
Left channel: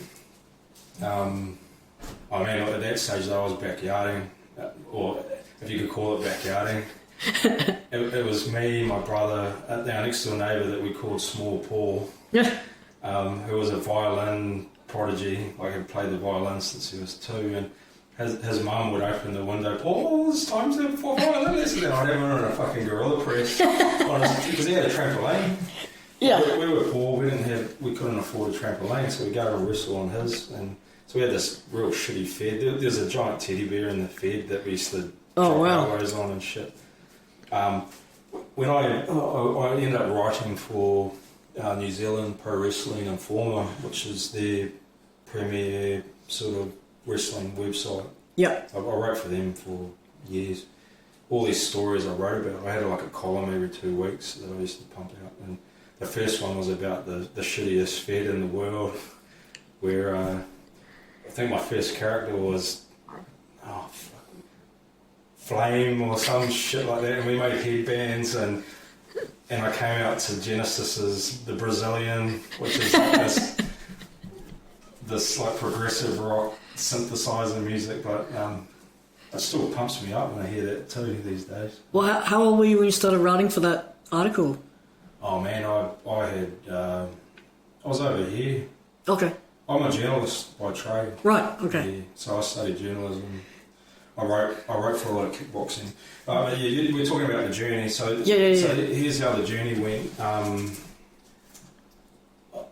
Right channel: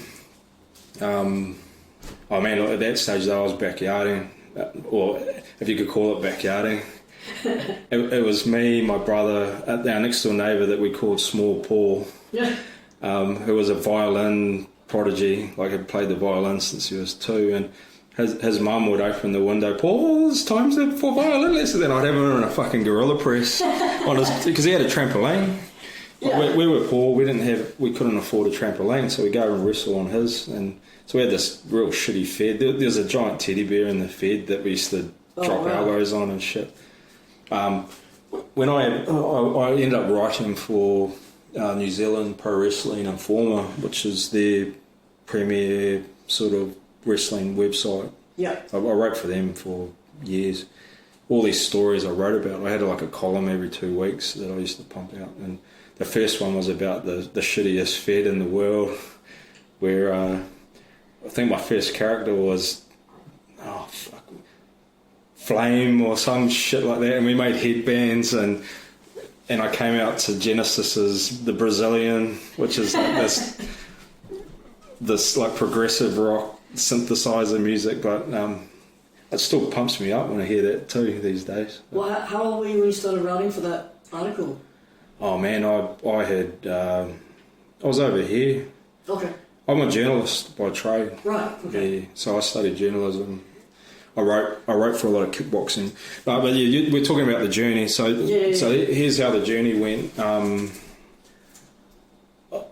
at that stage though I was backyarding, or if you could call it backyarding. It was me, my brother, our next door neighbour that we called Small Paul, who was a violin prodigy, like had played the violin since he was 2, and his mum would open the window, Paul, it's time for violin lesson. Then I'd have him on a fucking gorilla press because he had a trampoline. Yeah. We were poor, we couldn't afford a trampoline, so we go and wrestle on his. And so we had this real shitty fed. There's a giant teddy bear in the fed that we used to drop elbows on and shit. When I ended up writing for New Zealand Pro Wrestling Informer, which is their premier sort of wrestling website. Yeah. I wrote for them for years. All these stories I wrote about, I had like a column every 2 weeks that I used to pump out. And the first one was about the shittiest fed in the world, where I think my first character was Flame or some shit like that, and we made headbands, and and I came out to Genesis's The Brazilian, which is like this like progressive rock synthesizer music, but it still pumps me up when I hear that too these days. Well, how old were you when you started writing for that article? Oh man, I was over here. Okay. I'm a journalist by trade. Right. Okay. Yeah, so I studied journalism. I wrote for a lot of kickboxing. But yeah, we're talking about the journey. So So here's how the journey went.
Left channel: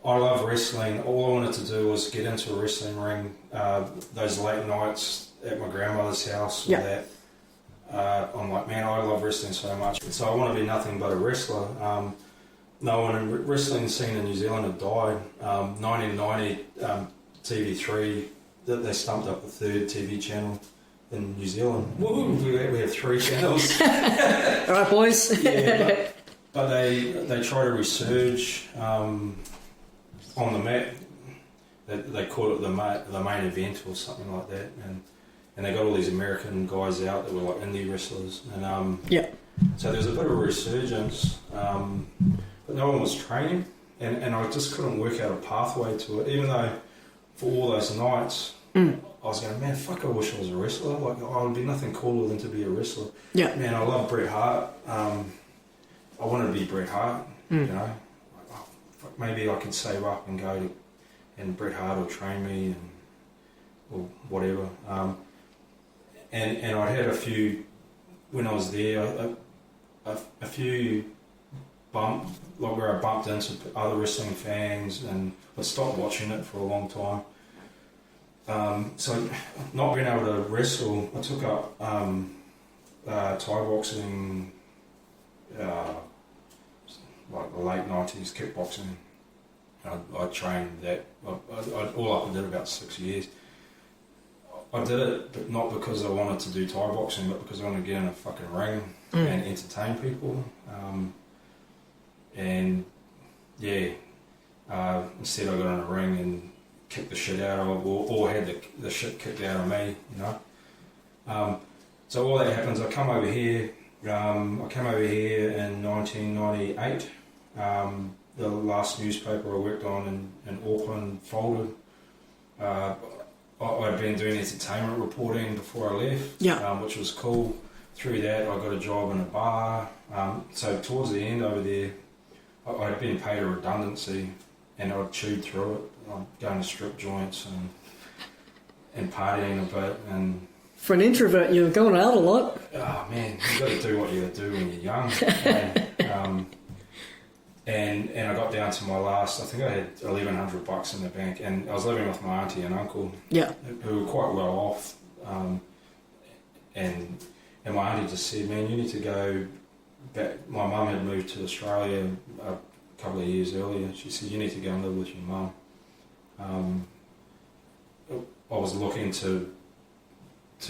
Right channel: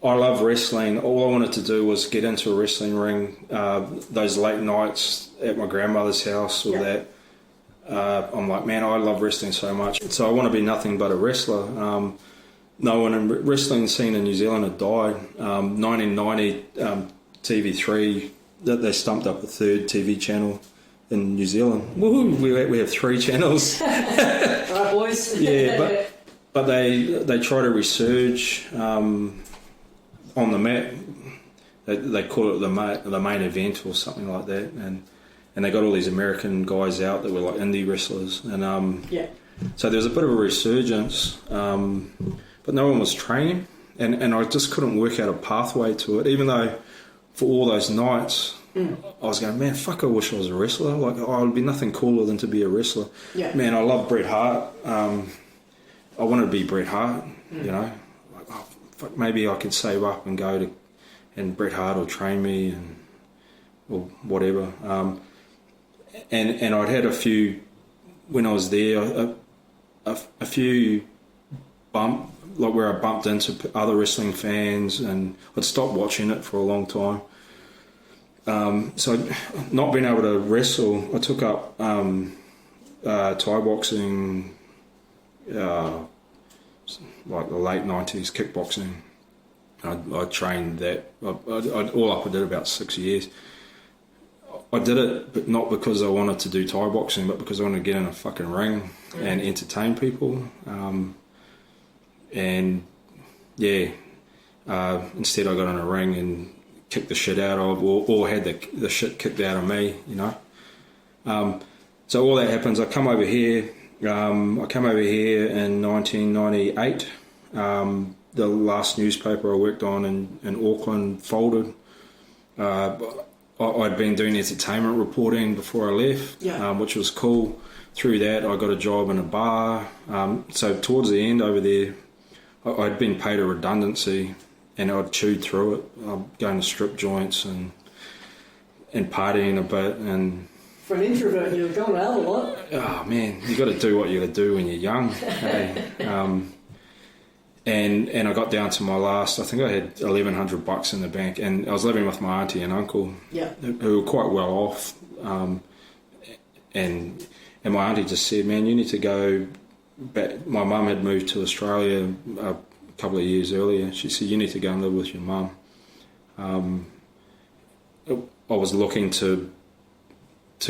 I love wrestling. All I wanted to do was get into a wrestling ring. Those late nights at my grandmother's house or that. I'm like, man, I love wrestling so much. So I want to be nothing but a wrestler. No one in the wrestling scene in New Zealand had died. 1990, TV3, they stumped up the third TV channel in New Zealand. Woo, we have 3 channels. All right, boys. Yeah, but they try to resurge on the map. They call it the main event or something like that, and they got all these American guys out that were like indie wrestlers, and so there was a bit of a resurgence, but no one was training, and I just couldn't work out a pathway to it, even though for all those nights I was going, man, fuck, I wish I was a wrestler. Like, oh, it'd be nothing cooler than to be a wrestler. Yeah, man, I love Bret Hart. I wanted to be Bret Hart. You know, like, oh, fuck, maybe I could save up and go to, and Bret Hart will train me or whatever. And I'd had a few when I was there, a few like where I bumped into other wrestling fans, and I'd stopped watching it for a long time. So not being able to wrestle, I took up Thai boxing, like the late 90s kickboxing. I trained that. All up I did about 6 years. I did it, but not because I wanted to do Thai boxing, but because I wanted to get in a fucking ring and entertain people. Instead I got in a ring and kicked the shit out of, or had the shit kicked out of me, you know. So all that happens. I come over here. I came over here in 1998. The last newspaper I worked on in Auckland folded. I'd been doing entertainment reporting before I left, which was cool. Through that, I got a job in a bar. So towards the end over there, I'd been paid a redundancy, and I'd chewed through it. I'm going to strip joints and partying a bit. And for an introvert, you were going out a lot. Oh man, you got to do what you got to do when you're young. And I got down to my last. I think I had $1,100 in the bank, and I was living with my auntie and uncle, who were quite well off. And my auntie just said, "Man, you need to go back." My mum had moved to Australia a couple of years earlier. She said, "You need to go and live with your mum." I was looking to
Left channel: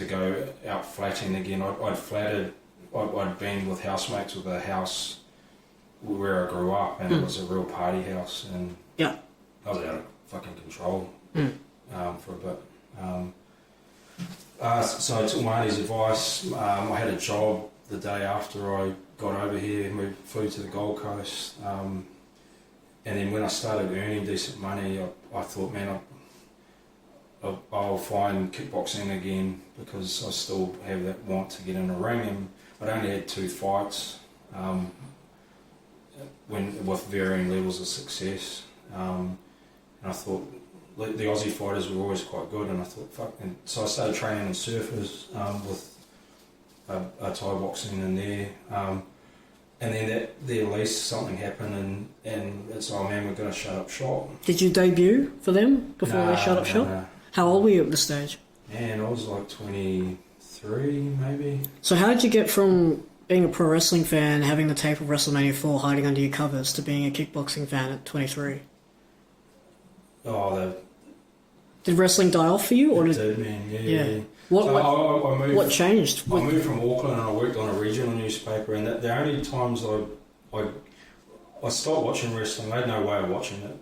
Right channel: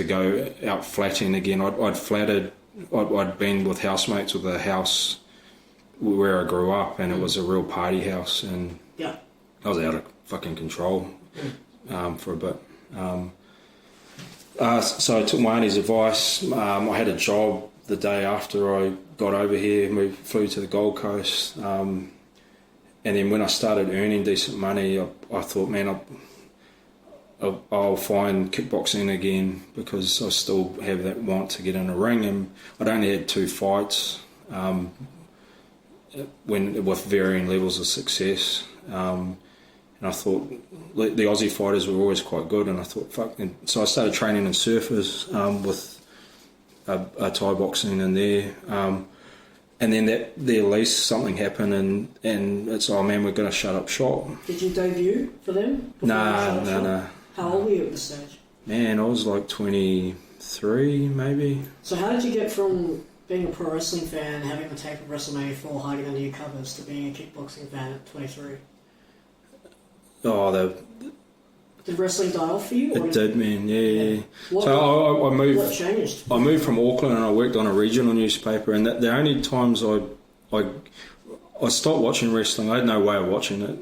go out flatting again. I'd been with housemates with a house where I grew up, and it was a real party house, and I was out of fucking control for a bit. So I took my auntie's advice. I had a job the day after I got over here, and we flew to the Gold Coast. And then when I started earning decent money, I thought, man, I'll find kickboxing again, because I still have that want to get in a ring. And I'd only had 2 fights. With varying levels of success, and I thought the Aussie fighters were always quite good, and I thought fuck. And so I started training in surfers with a Thai boxing in there, and then at least something happened, and it's, oh man, we're going to shut up shop. Did you debut for them before they shut up shop? Nah. How old were you at this stage? Man, I was like 23 maybe. So how did you get from being a pro wrestling fan, having the tape of WrestleMania 4 hiding under your covers, to being a kickboxing fan at 23? Did wrestling die off for you? It did, man. Yeah. I moved. What changed? I moved from Auckland, and I worked on a regional newspaper. And the only times I stopped watching wrestling, I had no way of watching it.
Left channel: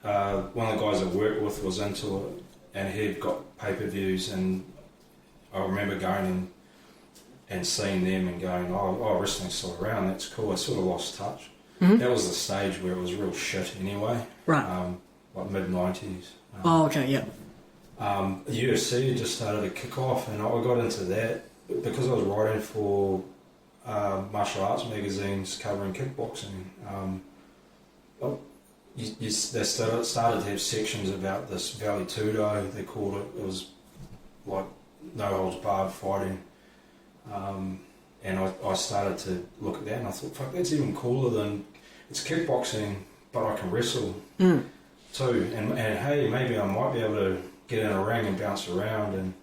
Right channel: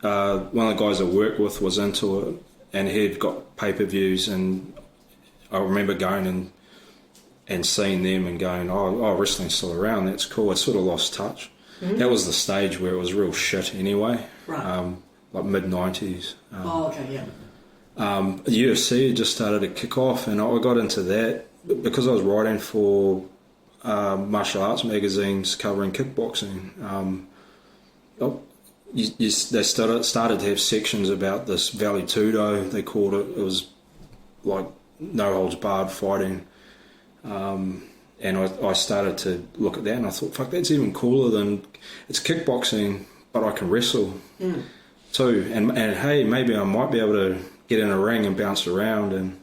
One of the guys I worked with was into it, and he'd got pay-per-views, and I remember going and seeing them and going, oh, wrestling's still around, that's cool. I sort of lost touch. That was the stage where it was real shit anyway. Right. Like mid-90s. Okay, yeah. UFC had just started to kick off, and I got into that because I was writing for martial arts magazines covering kickboxing. They started to have sections about this Vale Tudo, they called it. It was like no holds barred fighting. And I started to look at that, and I thought, fuck, that's even cooler than, it's kickboxing, but I can wrestle too. And hey, maybe I might be able to get in a ring and bounce around,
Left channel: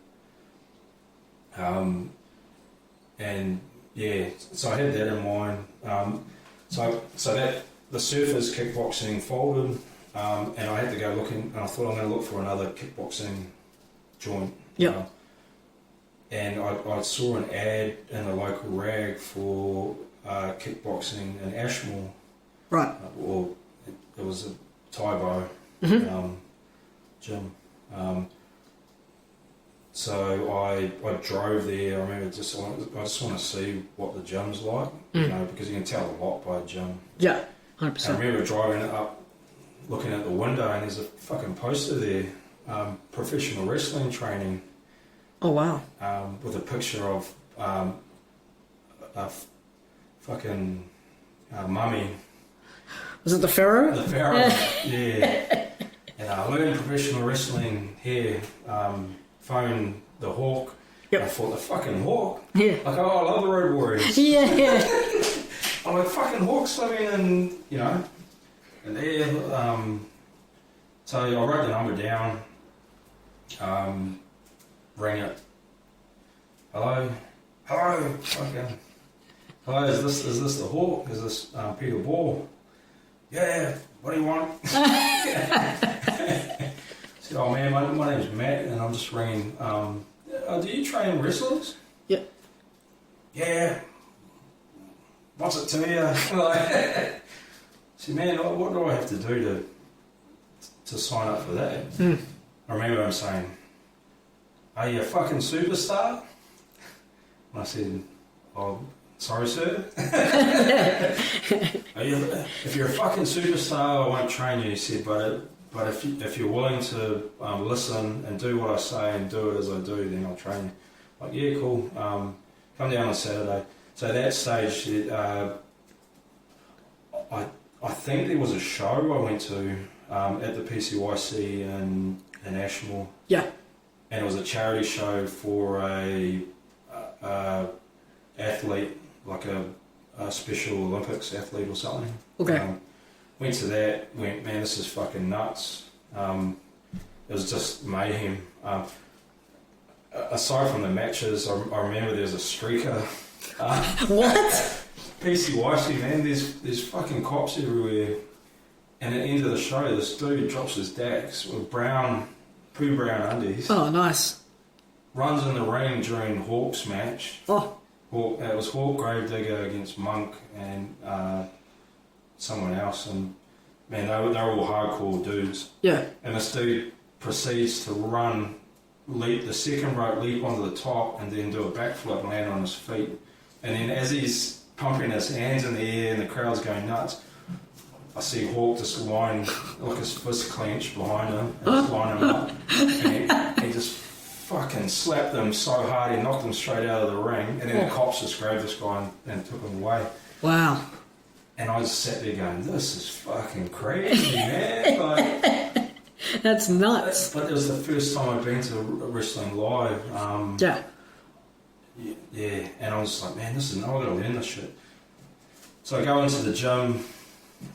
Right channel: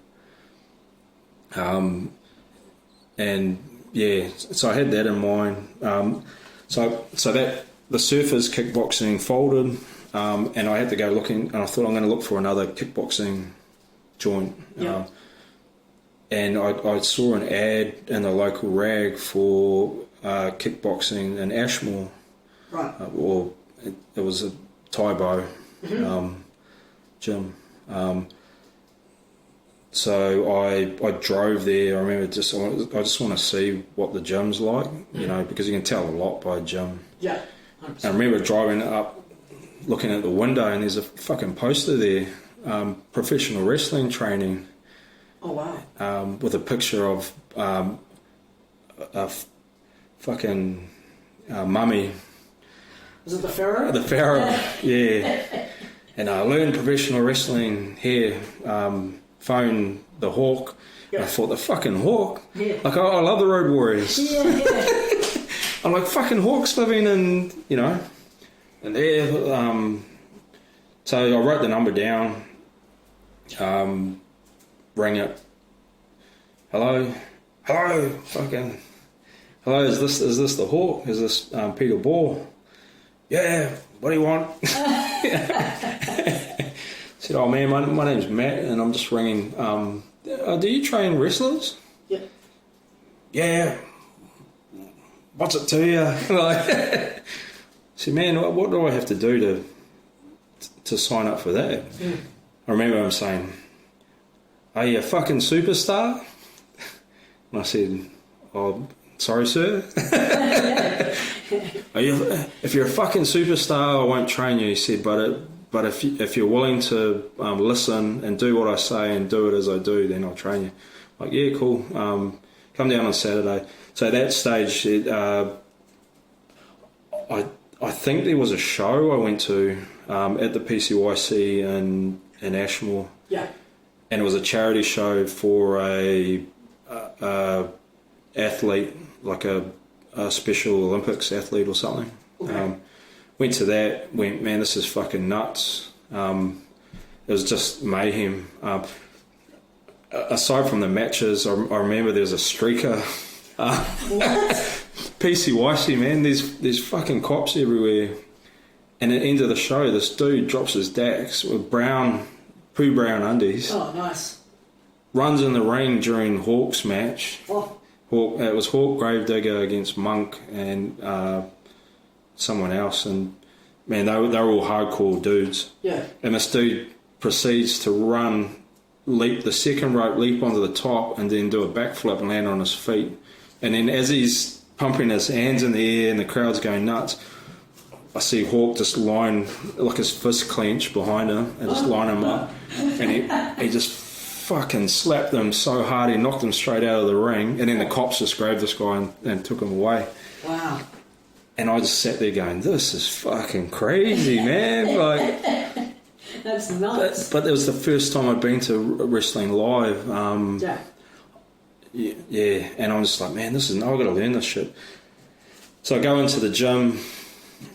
and yeah, so I had that in mind. So that the Surfers kickboxing folded, and I had to go looking, and I thought I'm going to look for another kickboxing joint. Yeah. And I saw an ad in the local rag for kickboxing in Ashmore. Right. Or it was a Taibo gym. So I drove there. I remember I just want to see what the gym's like, you know, because you can tell a lot by a gym. Yeah, 100%. And I remember driving up, looking at the window, and there's a fucking poster there, professional wrestling training. Oh wow. With a picture of a fucking mummy. Was it the Pharaoh? The Pharaoh, yeah. And I learned professional wrestling here. Phone the Hawk. Yep. I thought, the fucking Hawk? Yeah. Like, oh, I love the Road Warriors. Yeah. I'm like, fucking Hawk's living in, you know. And there, so I wrote the number down. Rang it. Hello, fucking. Hello, is this the Hawk? Is this Peter Ball? Yeah. What do you want? I said, oh man, my name's Matt, and I'm just ringing. Do you train wrestlers? Yeah. Yeah. What's it to you? I said, man, what do I have to do to sign up for that? I remember him saying, are you a fucking superstar? And I said, oh, sorry, sir. If you're a fucking superstar, I won't train you. He said, but if you're willing to listen and do what I say and do it as I do, then I'll train you. Like, yeah, cool. Come down on Saturday. So at that stage, I think there was a show I went to at the PCYC in Ashmore. Yeah. And it was a charity show for a athlete, like a Special Olympics athlete or something. Okay. Went to that, went, man, this is fucking nuts. It was just mayhem. Aside from the matches, I remember there's a streaker. What? PCYC, man, there's fucking cops everywhere. And at the end of the show, this dude drops his dax with poo brown undies. Oh, nice. Runs in the ring during Hawk's match. Oh. It was Hawk Gravedigger against Monk and someone else, and man, they were all hardcore dudes. Yeah. And this dude proceeds to leap the second rope, leap onto the top, and then do a backflip and land on his feet. And then as he's pumping his hands in the air and the crowd's going nuts, I see Hawk just line, like his fist clenched behind him, and just line him up. And he just fucking slapped him so hard he knocked him straight out of the ring. And then the cops just grabbed this guy and took him away. Wow. And I just sat there going, this is fucking crazy, man. Like, that's nuts. But it was the first time I'd been to wrestling live. Yeah. And I was just like, man, I've got to learn this shit. So I go into the gym.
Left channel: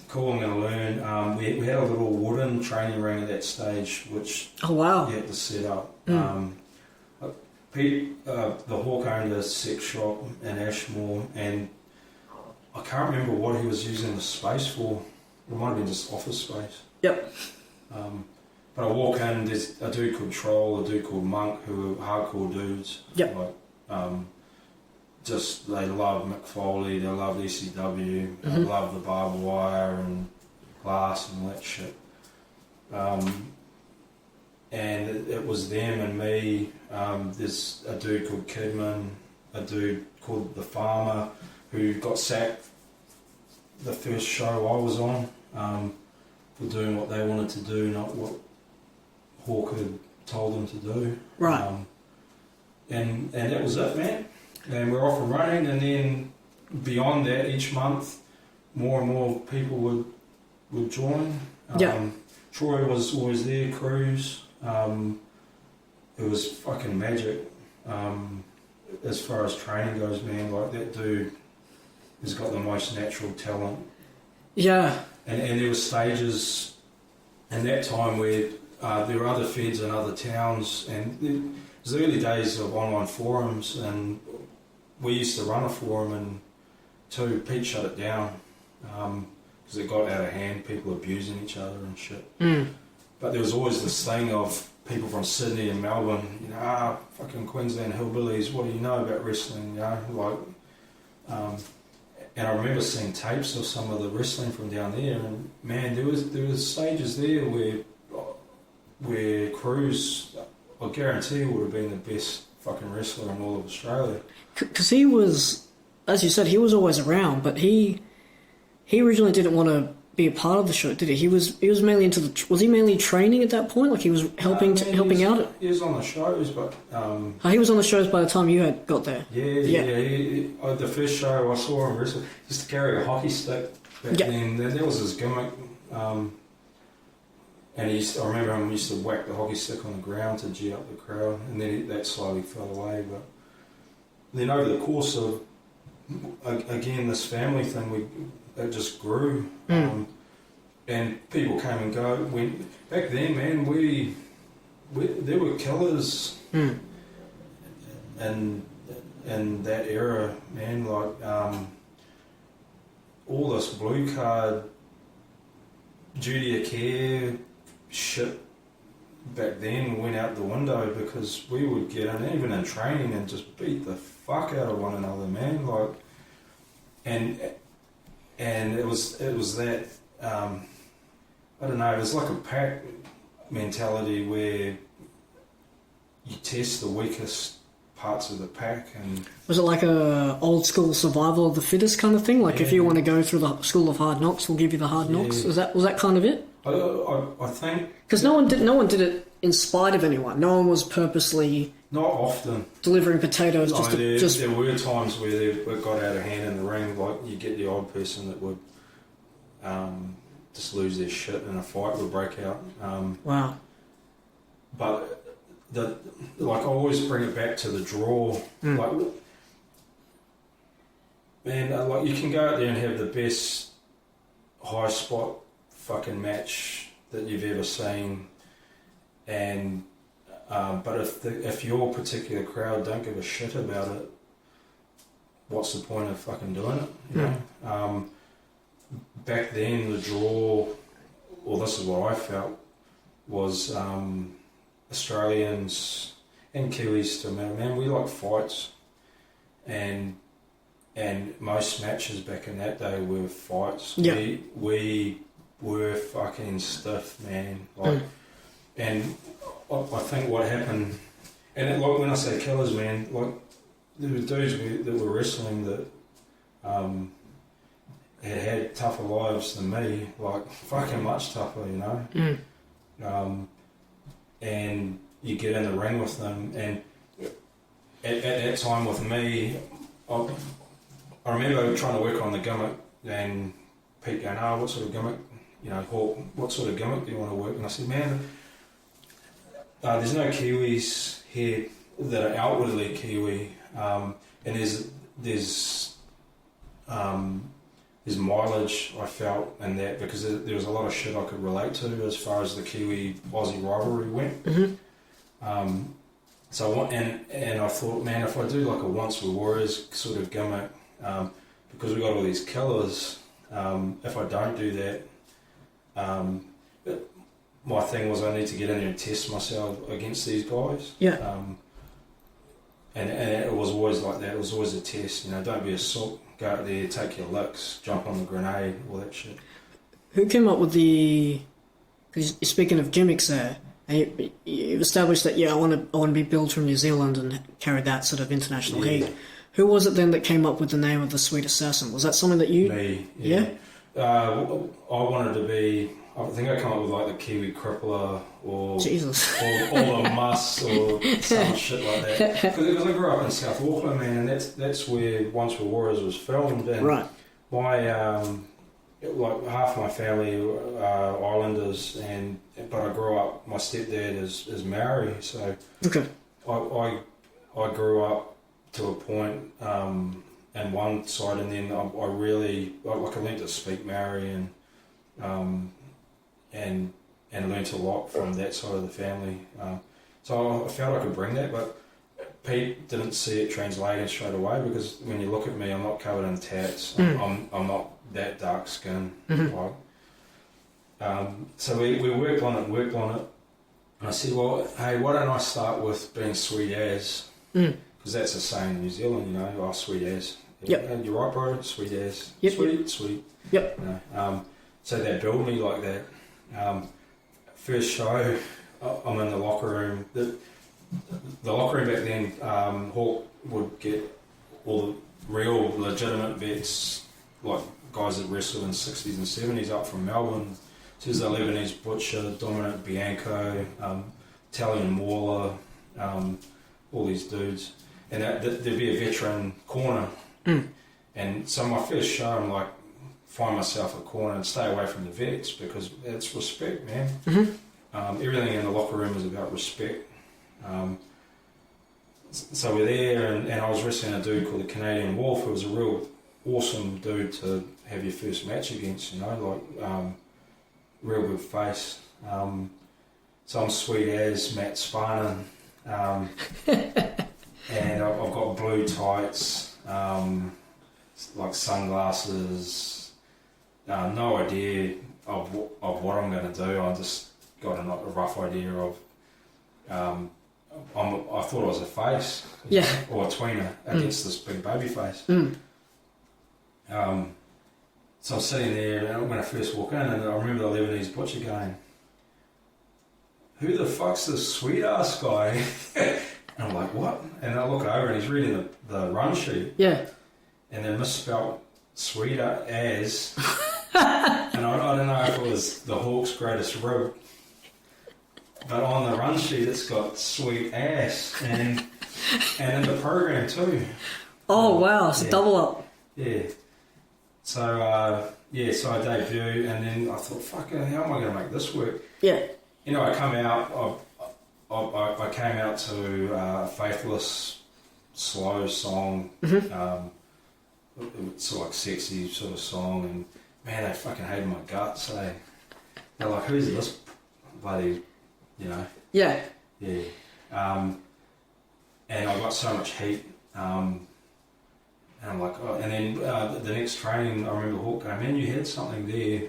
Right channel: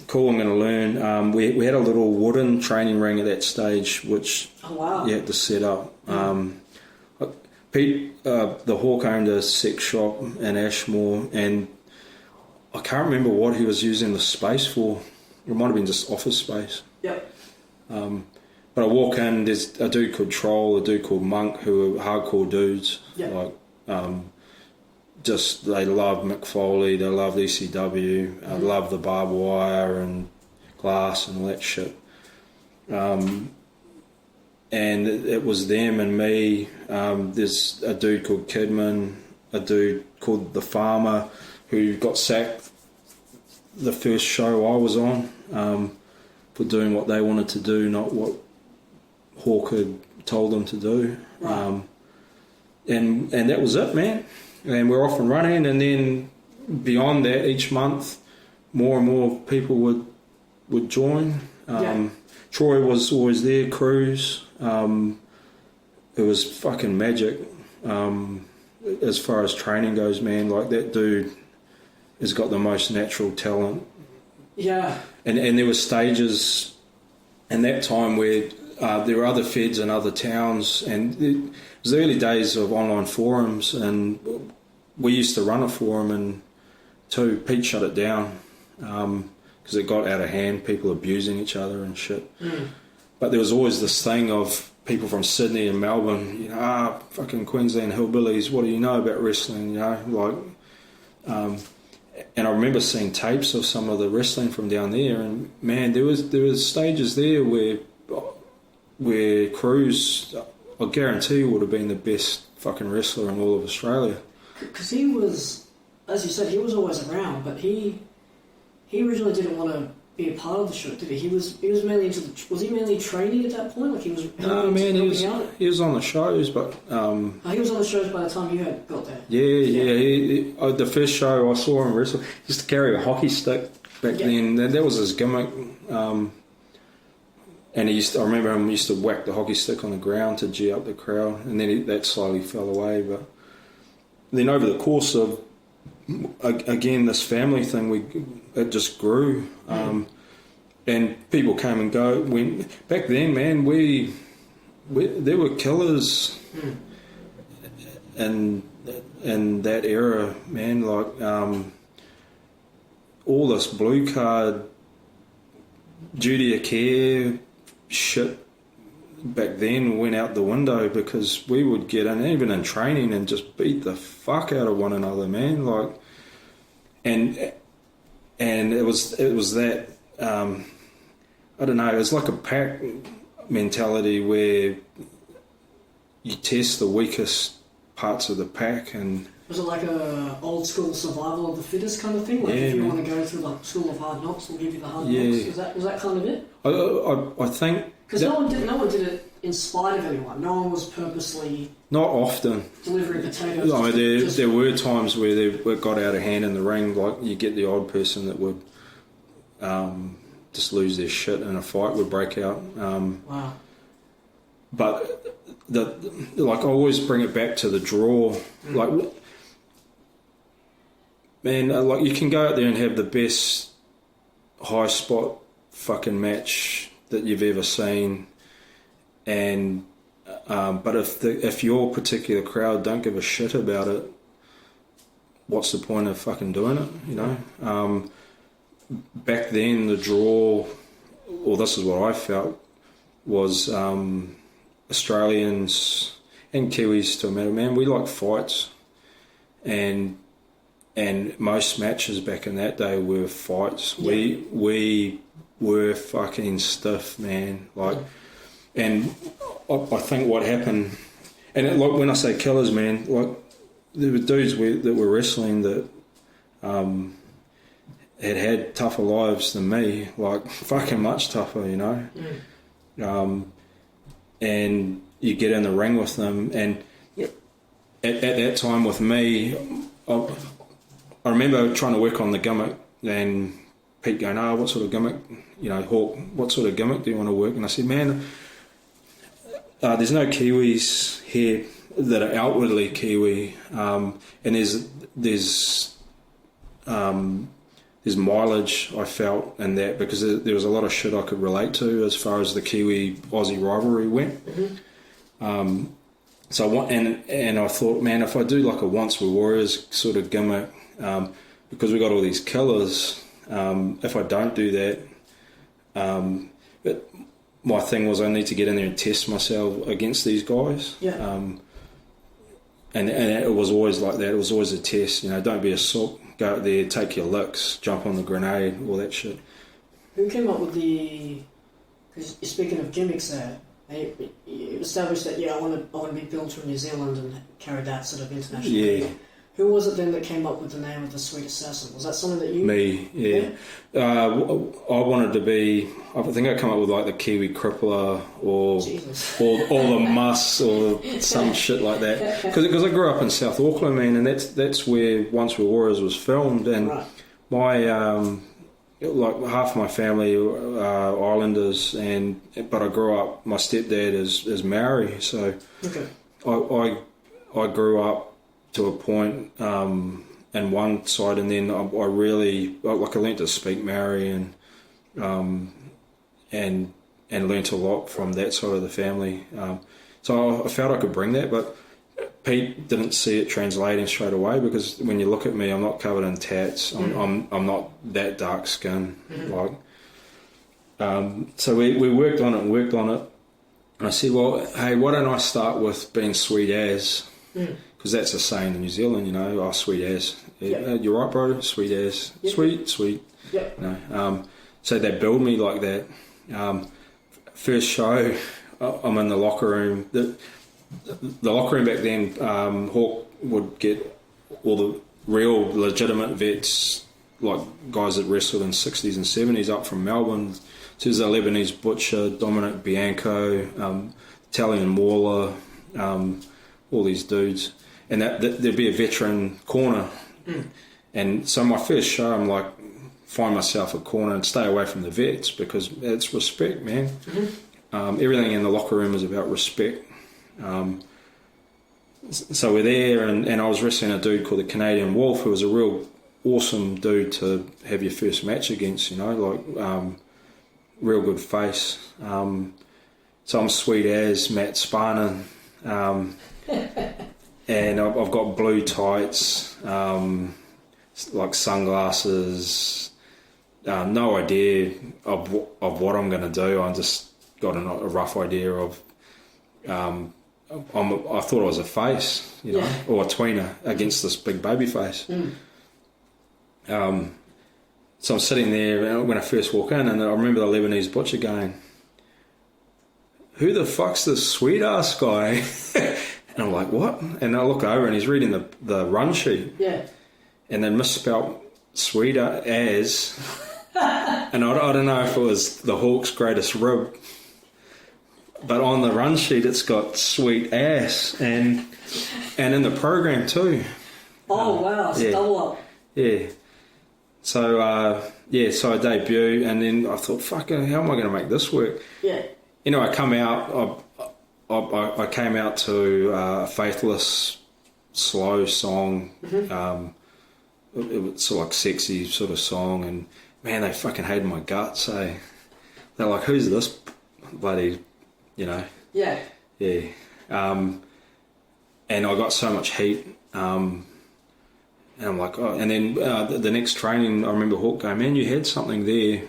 Cool, I'm going to learn. We had a little wooden training ring at that stage, which you had to set up. Pete, the Hawk, owned a sex shop in Ashmore, and I can't remember what he was using the space for. It might have been just office space. Yep. But I walk in, there's a dude called Troll, a dude called Monk, who are hardcore dudes. Yep. Like, they love Mick Foley, they love ECW, love the barbed wire and glass and all that shit. And it was them and me. There's a dude called Kidman, a dude called The Farmer who got sacked the first show I was on for doing what they wanted to do, not what Hawk had told them to do. Right. And that was it, man. And we're off and running, and then beyond that, each month, more and more people would join. Troy was always there, Cruz. It was fucking magic. As far as training goes, man, like that dude has got the most natural talent. Yeah. And there were stages in that time where there were other feds in other towns, and it was the early days of online forums, and we used to run a forum, and Pete shut it down because it got out of hand, people abusing each other and shit. But there was always this thing of people from Sydney and Melbourne, fucking Queensland hillbillies, what do you know about wrestling, and I remember seeing tapes of some of the wrestling from down there, and man, there was stages there where Cruz, I guarantee, would have been the best fucking wrestler in all of Australia. Because he was, as you said, he was always around, but he originally didn't want to be a part of the show, did he? He was mainly into was he mainly training at that point? Like he was helping out? He was on the shows, but... he was on the shows by the time you had got there? Yeah. The first show I saw him wrestle, he used to carry a hockey stick back then. That was his gimmick. And I remember him used to whack the hockey stick on the ground to G up the crowd, and then that slowly fell away. But then over the course of, again, this family thing, it just grew. And people came and go. Back then, man, there were killers in that era, man. Like all this blue card duty of care shit back then went out the window, because we would get in, even in training, and just beat the fuck out of one another, man. Like, and it was that I don't know, it was like a pack mentality where you test the weakest parts of the pack. And was it like a old school survival of the fittest kind of thing? Like if you want to go through the school of hard knocks, we'll give you the hard knocks. Was that kind of it? I think because no one did it in spite of anyone. No one was purposely not often delivering potatoes. No, there were times where they got out of hand in the ring. Like you get the odd person that would just lose their shit and a fight would break out. Wow. But I always bring it back to the draw. Like, man, like you can go out there and have the best high spot fucking match that you've ever seen, and but if your particular crowd don't give a shit about it, what's the point of fucking doing it? You know. Back then, the draw, or this is what I felt, was Australians and Kiwis to a man, we like fights, and most matches back in that day were fights. We were fucking stiff, man. Like, and I think what happened, and like when I say killers, man, like there were dudes that were wrestling that had tougher lives than me, like fucking much tougher, you know. And you get in the ring with them, and at that time with me, I remember trying to work on the gimmick, and Pete going, what sort of gimmick, you know, Hawk, what sort of gimmick do you want to work? And I said, man, there's no Kiwis here that are outwardly Kiwi, and there's mileage I felt in that, because there was a lot of shit I could relate to as far as the Kiwi-Aussie rivalry went. So I thought, man, if I do like a Once Were Warriors sort of gimmick, because we got all these killers, if I don't do that, but my thing was I need to get in there and test myself against these guys. And it was always like that. It was always a test, you know. Don't be a sook. Go out there, take your licks, jump on the grenade, all that shit. Who came up with the? Because speaking of gimmicks, there, you established that I want to be billed from New Zealand and carry that sort of international heat. Who was it then that came up with the name of the Sweet Assassin? Was that something that you... Me, yeah. I wanted to be... I think I come up with like the Kiwi Crippler or Jesus. or the Muss or some shit like that. Because I grew up in South Auckland, man, and that's where Once Were Warriors was filmed. And right. my like half my family are Islanders, but I grew up. My stepdad is Maori, so okay. I grew up to a point in one side, and then I really I learned to speak Maori and learnt a lot from that side of the family. So I felt I could bring that, but Pete didn't see it translating straight away, because when you look at me, I'm not covered in tats. I'm not that dark skinned. So we worked on it, and I said, well, hey, why don't I start with being sweet as? Because that's a saying in New Zealand, you know, oh, sweet as. Yep. You're right, bro, sweet as. Yep. Sweet. Yep. You know, so they build me like that. First show, I'm in the locker room. The locker room back then, Hawk would get all the real legitimate vets, like guys that wrestled in 60s and 70s up from Melbourne. So there's a Lebanese Butcher, Dominic Bianco, Italian Mauler, all these dudes. And there'd be a veteran corner. And so my first show, I'm like, find myself a corner and stay away from the vets, because it's respect, man. Everything in the locker room is about respect. So we're there, and I was wrestling a dude called the Canadian Wolf, who was a real awesome dude to have your first match against, you know, like real good face. So I'm sweet as Matt Sparnan, and I've got blue tights, like sunglasses. No idea of what I'm going to do. I just got a rough idea of. I thought I was a face, you know, or a tweener against this big baby face. So I'm sitting there when I first walk in, and I remember the Lebanese Butcher going, "Who the fuck's this sweet ass guy?" And I'm like, "What?" And I look over, and he's reading the run sheet. Yeah. And then misspelled sweeter as. And I don't know if it was the Hawk's greatest rib, but on the run sheet it's got sweet ass, and in the program too. Oh wow, it's double up. Yeah. So so I debut, and then I thought, fuck it, how am I going to make this work? Yeah. You know, I come out. I came out to a Faithless slow song. It's like sexy sort of song, and man, they fucking hated my guts. They're like, who's this bloody, you know? Yeah. Yeah. And I got so much heat. And I'm like, oh. And then the next training, I remember Hawk going, man, you had something there.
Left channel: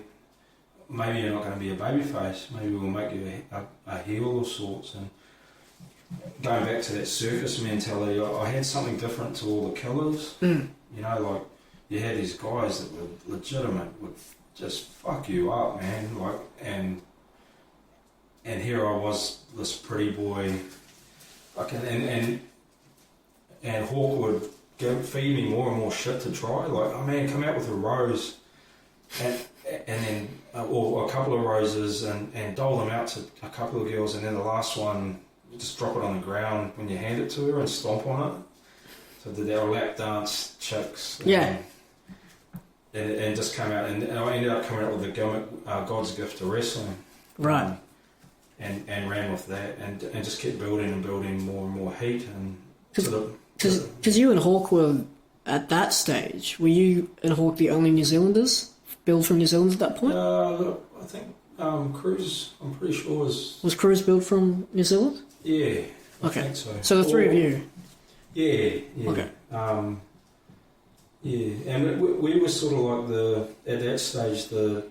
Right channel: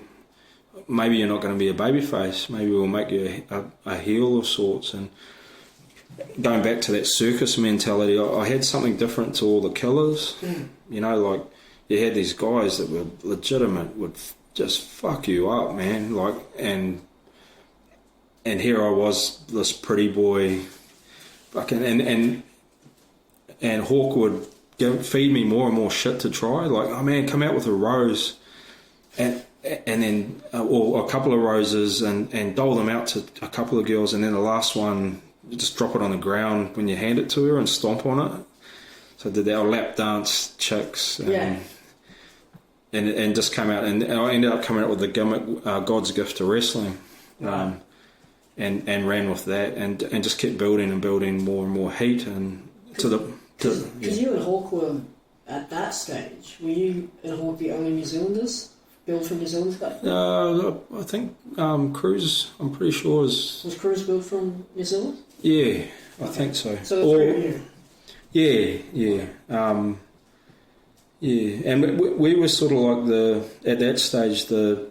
Maybe you're not going to be a babyface. Maybe we'll make you a heel of sorts. And going back to that circus mentality, I had something different to all the killers. You know, like, you had these guys that were legitimate, would just fuck you up, man. Like, and here I was, this pretty boy, fucking, and Hawk would feed me more and more shit to try. Like, oh man, come out with a rose, and then or a couple of roses, and dole them out to a couple of girls, and then the last one, you just drop it on the ground when you hand it to her and stomp on it. So I did that, lap dance chicks. And just came out, and I ended up coming out with the gimmick, God's Gift to Wrestling. Right. And ran with that, and just kept building and building more and more heat, and because you and Hawk were at that stage. Were you and Hawk the only New Zealanders billed from New Zealand at that point? I think Cruz, I'm pretty sure was Cruz billed from New Zealand? Yeah, I think so. So the three of you. Yeah. Okay. And we were sort of like at that stage the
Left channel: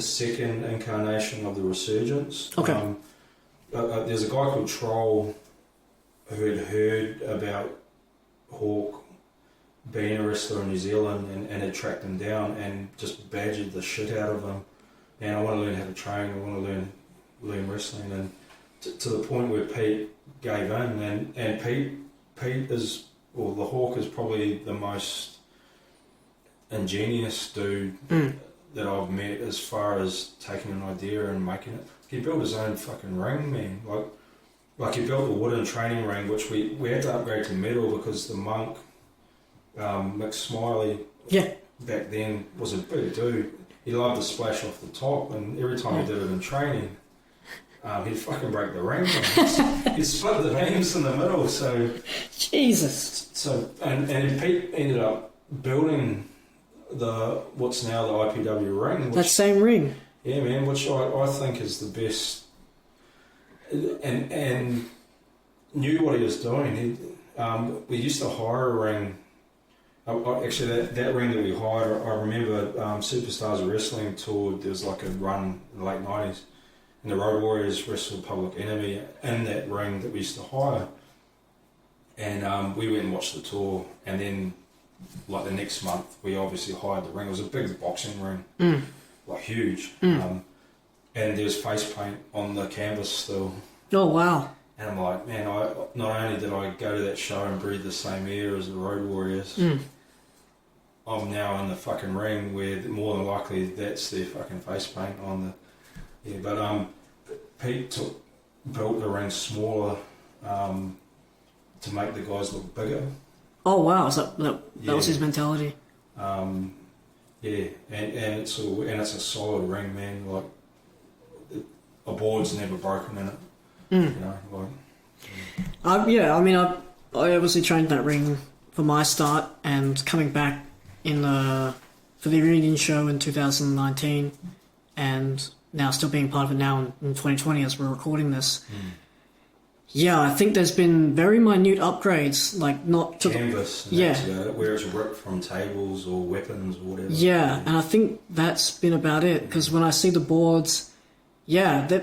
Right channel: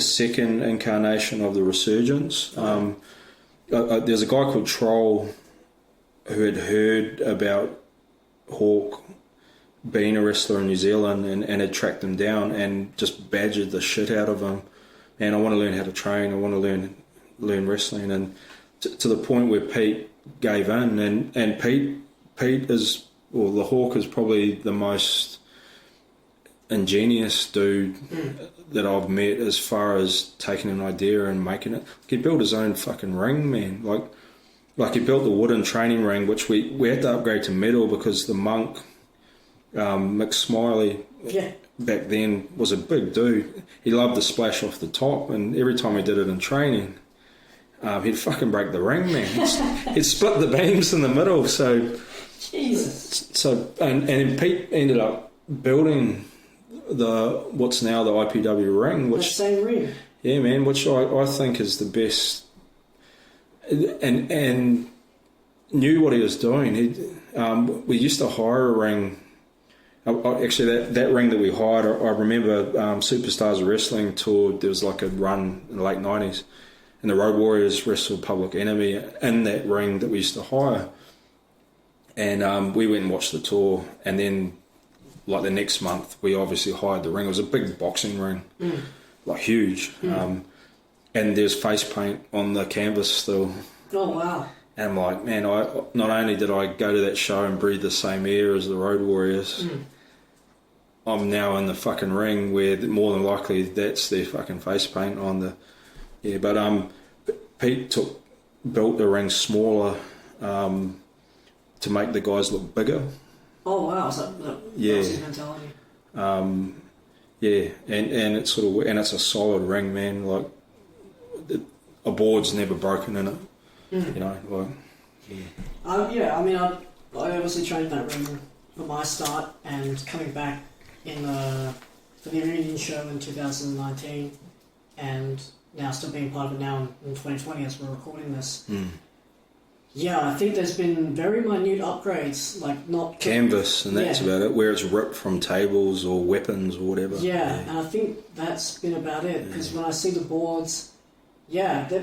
second incarnation of the resurgence. Okay. There's a guy called Troll who had heard about Hawk being a wrestler in New Zealand and had tracked him down and just badgered the shit out of him. And I want to learn how to train. I want to learn wrestling, and to the point where Pete gave in, and Pete is well, the Hawk is probably the most ingenious dude that I've met as far as taking an idea and making it. He built his own fucking ring, man. Like he built the wooden training ring, which we had to upgrade to metal because the monk, Mick Smiley, back then was a big dude. He loved to splash off the top, and every time he did it in training, he'd fucking break the ring, man. He'd split the beams in the middle, so... Jesus. So, and Pete ended up building what's now the IPW ring. That same ring? Yeah, man, which I think is the best, and knew what he was doing. We used to hire a ring. Actually, that ring that we hired, I remember Superstars Wrestling toured. There was like a run in the late 90s, and the Road Warriors wrestled Public Enemy in that ring that we used to hire. And we went and watched the tour, and then like the next month we obviously hired the ring. It was a big boxing ring, like huge, and there's face paint on the canvas still. Oh wow. And I'm like, man, I not only did I go to that show and breathe the same air as the Road Warriors, I'm now in the fucking ring where more than likely that's their fucking face paint on the... Yeah, but Pete built the ring smaller to make the guys look bigger. Oh wow, so that was his mentality. Yeah, and it's sort of, and it's a solid ring, man. Like a board's never broken in it. You know, like. Yeah, I mean, I obviously trained that ring for my start, and coming back for the reunion show in 2019, and now still being part of it now in 2020 as we're recording this. Yeah, I think there's been very minute upgrades, like not... Canvas, and that's about it, where it's ripped from tables or weapons or whatever. Yeah, and I think that's been about it, because when I see the boards, they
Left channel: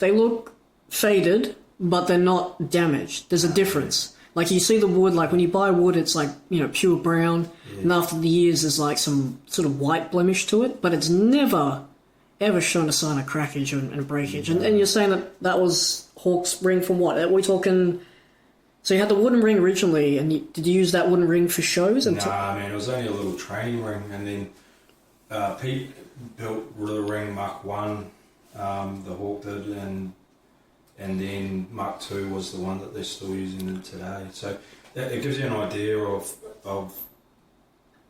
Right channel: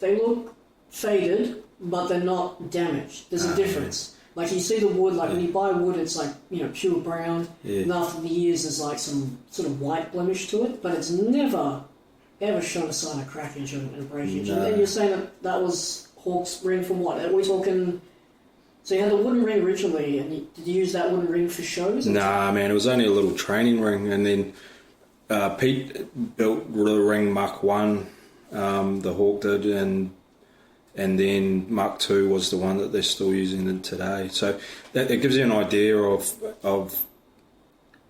look faded, but they're not damaged. There's a difference. Like, you see the wood, like when you buy wood, it's like, pure brown, and after the years there's like some sort of white blemish to it, but it's never, ever shown a sign of crackage and breakage. And you're saying that was... Hawk's ring from what? Are we talking... So you had the wooden ring originally, and did you use that wooden ring for shows? Nah, man, it was only a little training ring, and then Pete built the ring Mark 1, the Hawk did, and then Mark 2 was the one that they're still using today. So it gives you an idea of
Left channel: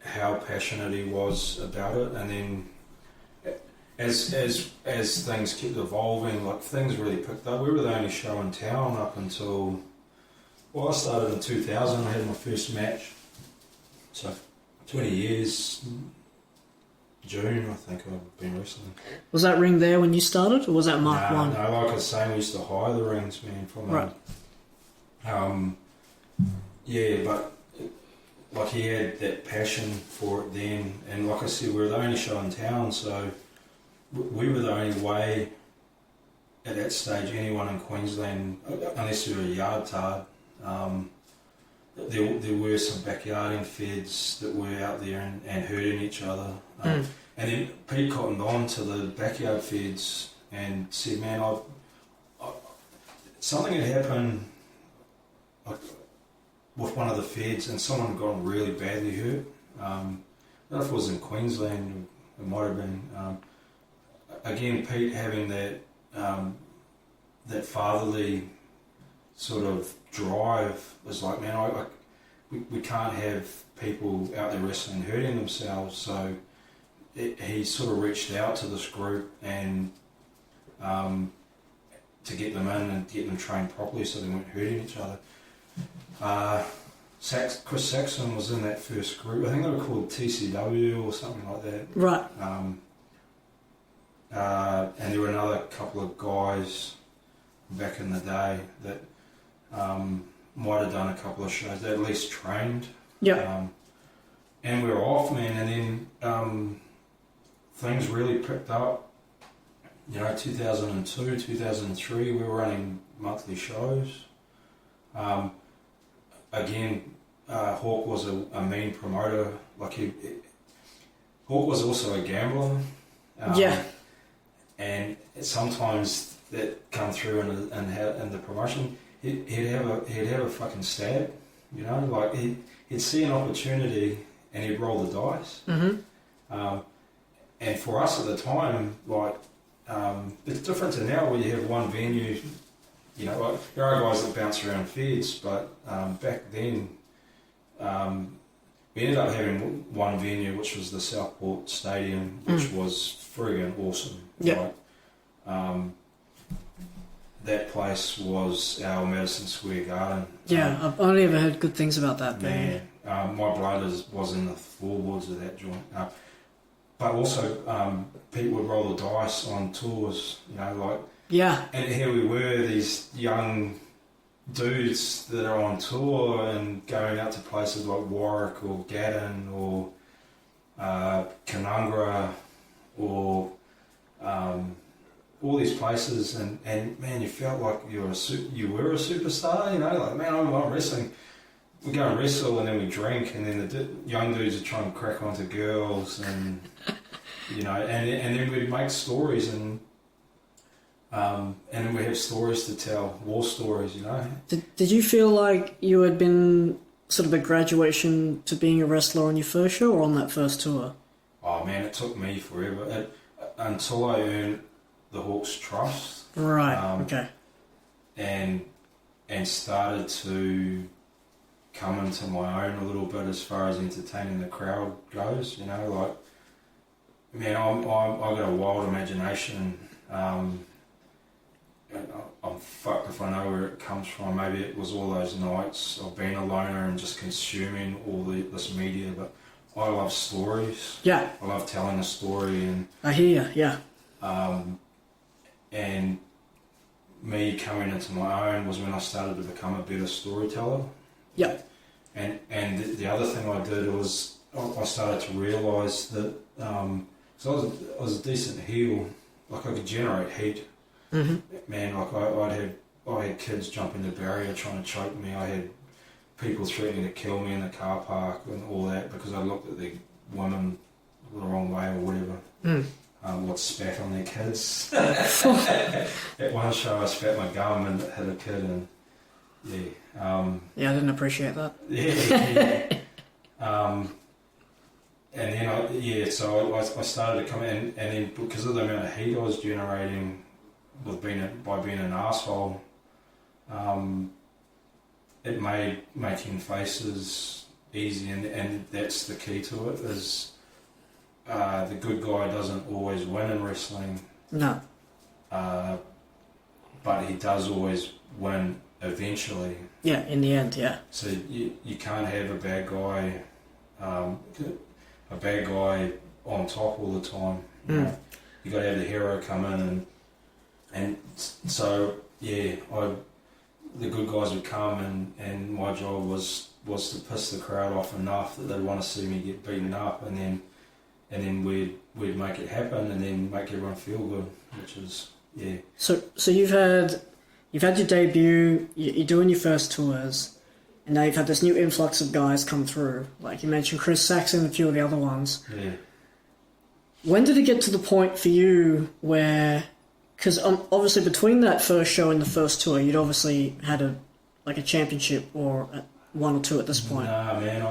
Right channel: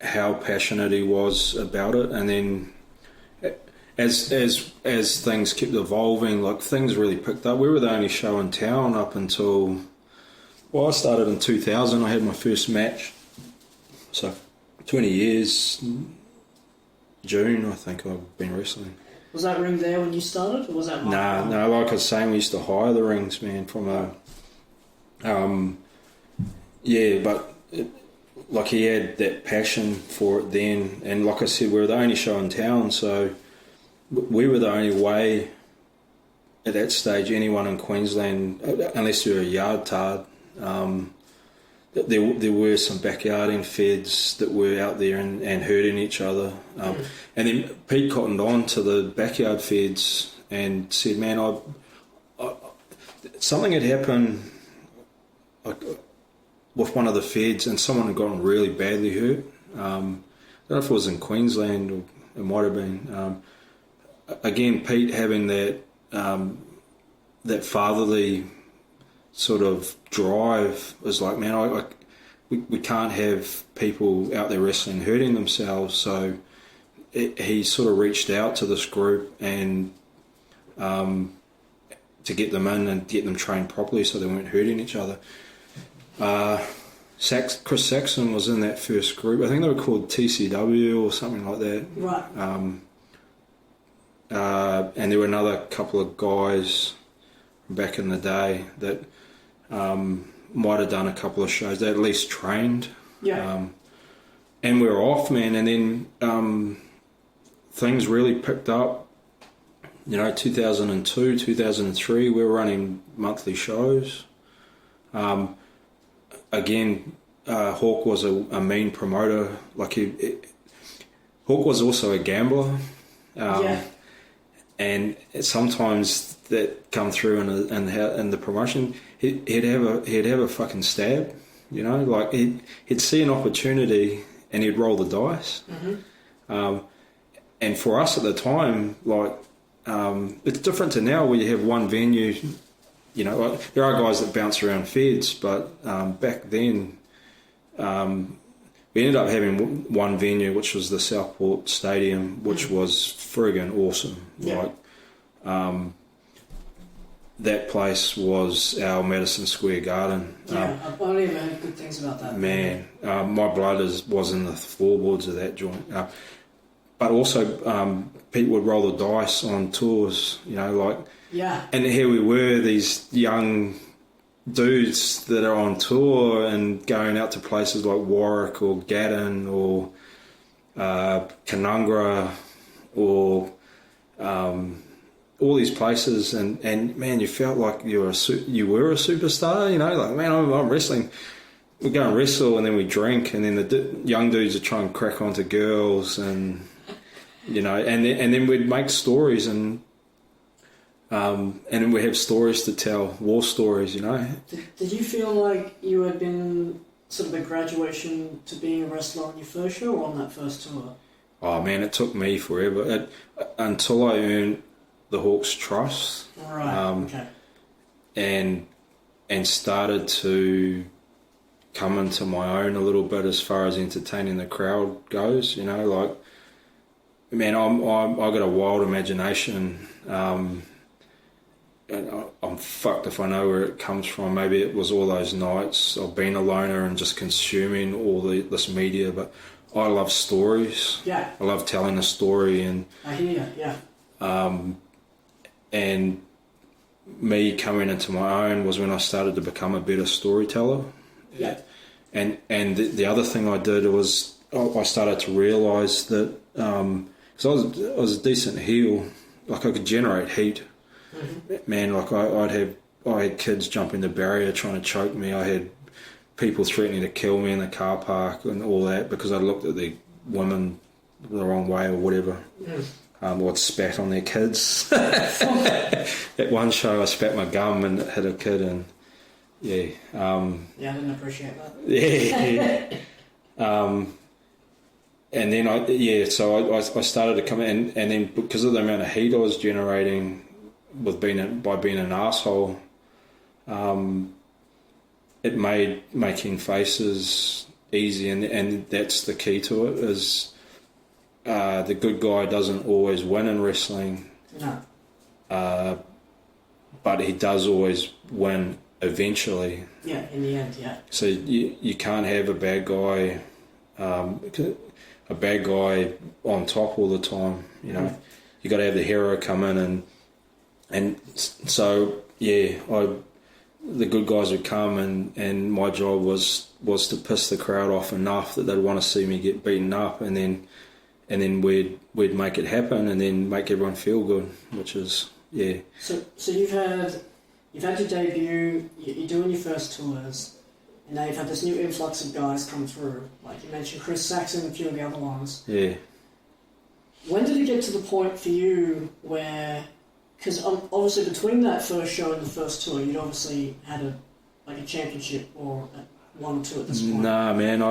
how passionate he was about it, and then... As things kept evolving, like things really picked up. We were the only show in town up until... Well, I started in 2000. I had my first match. So, 20 years, June, I think I've been wrestling. Was that ring there when you started, or was that Mark 1? No, like I was saying, we used to hire the rings, man, from right. But like he had that passion for it then, and like I said, we were the only show in town, so... We were the only way at that stage anyone in Queensland, unless you were a yard tard, there were some backyarding feds that were out there and hurting each other. And then Pete cottoned on to the backyard feds and said, man, something had happened with one of the feds, and someone had gotten really badly hurt. I don't know if it was in Queensland, or it might have been. Again, Pete having that fatherly sort of drive was like, man, we can't have people out there wrestling hurting themselves. So he sort of reached out to this group and to get them in and get them trained properly so they weren't hurting each other. Chris Saxon was in that first group. I think they were called TCW or something like that. Right. And there were another couple of guys back in the day that might have done a couple of shows. They at least trained. Yeah. And we were off, man. And then things really picked up. 2002, 2003, we were running monthly shows. Again, Hawk was a mean promoter. Hawk was also a gambler. And sometimes that come through in the promotion. He'd have a fucking stab. you know, like he'd see an opportunity and he'd roll the dice. And for us at the time, like, it's different to now where you have one venue, you know, like, there are guys that bounce around feds, but back then we ended up having one venue, which was the Southport Stadium, which was friggin' awesome. Yeah. Like, that place was our Madison Square Garden. Yeah, I've only ever heard good things about that. Man, my blood was in the floorboards of that joint. But also, people would roll the dice on tours, you know, like... Yeah. And here we were, these young dudes that are on tour and going out to places like Warwick or Gaddon or Canungra or all these places, and man, you felt like you were a superstar, you know, like, man, I'm wrestling. We go and wrestle and then we drink, and then the young dudes are trying to crack onto girls, and you know, and then we'd make stories, and then we have stories to tell, war stories, you know. Did you feel like you had been sort of a graduation to being a wrestler on your first show or on that first tour? Oh man, it took me forever until I earned the Hawks' trust. Right. Okay. And started to come into my own a little bit as far as entertaining the crowd goes. You know, like, man, I got a wild imagination. And I'm fucked if I know where it comes from. Maybe it was all those nights of being a loner and just consuming all this media. But I love stories. Yeah. I love telling a story, and I hear you. Yeah. And me coming into my own was when I started to become a better storyteller. Yeah. And the other thing I did was I started to realise that because I was a decent heel, like I could generate heat. Man, like I had kids jumping the barrier trying to choke me. I had people threatening to kill me in the car park and all that because I looked at the women the wrong way or whatever. Or I'd spat on their kids. At one show I spat my gum and hit a kid, and yeah. Yeah, I didn't appreciate that. Yeah. And then so I started to come in, and then because of the amount of heat I was generating by being an asshole, it made making faces easy, and that's the key to it. Is the good guy doesn't always win in wrestling. No. But he does always win eventually. Yeah, in the end, yeah. So you can't have a bad guy on top all the time. You know, you got to have the hero come in, and so yeah, the good guys would come, and my job was to piss the crowd off enough that they'd want to see me get beaten up, and then we'd make it happen, and then make everyone feel good, which is yeah. So you've had your debut, you're doing your first tours, and now you've had this new influx of guys come through. Like you mentioned, Chris Saxon and a few of the other ones. Yeah. When did it get to the point for you where, because obviously between that first show and the first tour, you'd obviously had a championship or one or two at this point. Nah, man,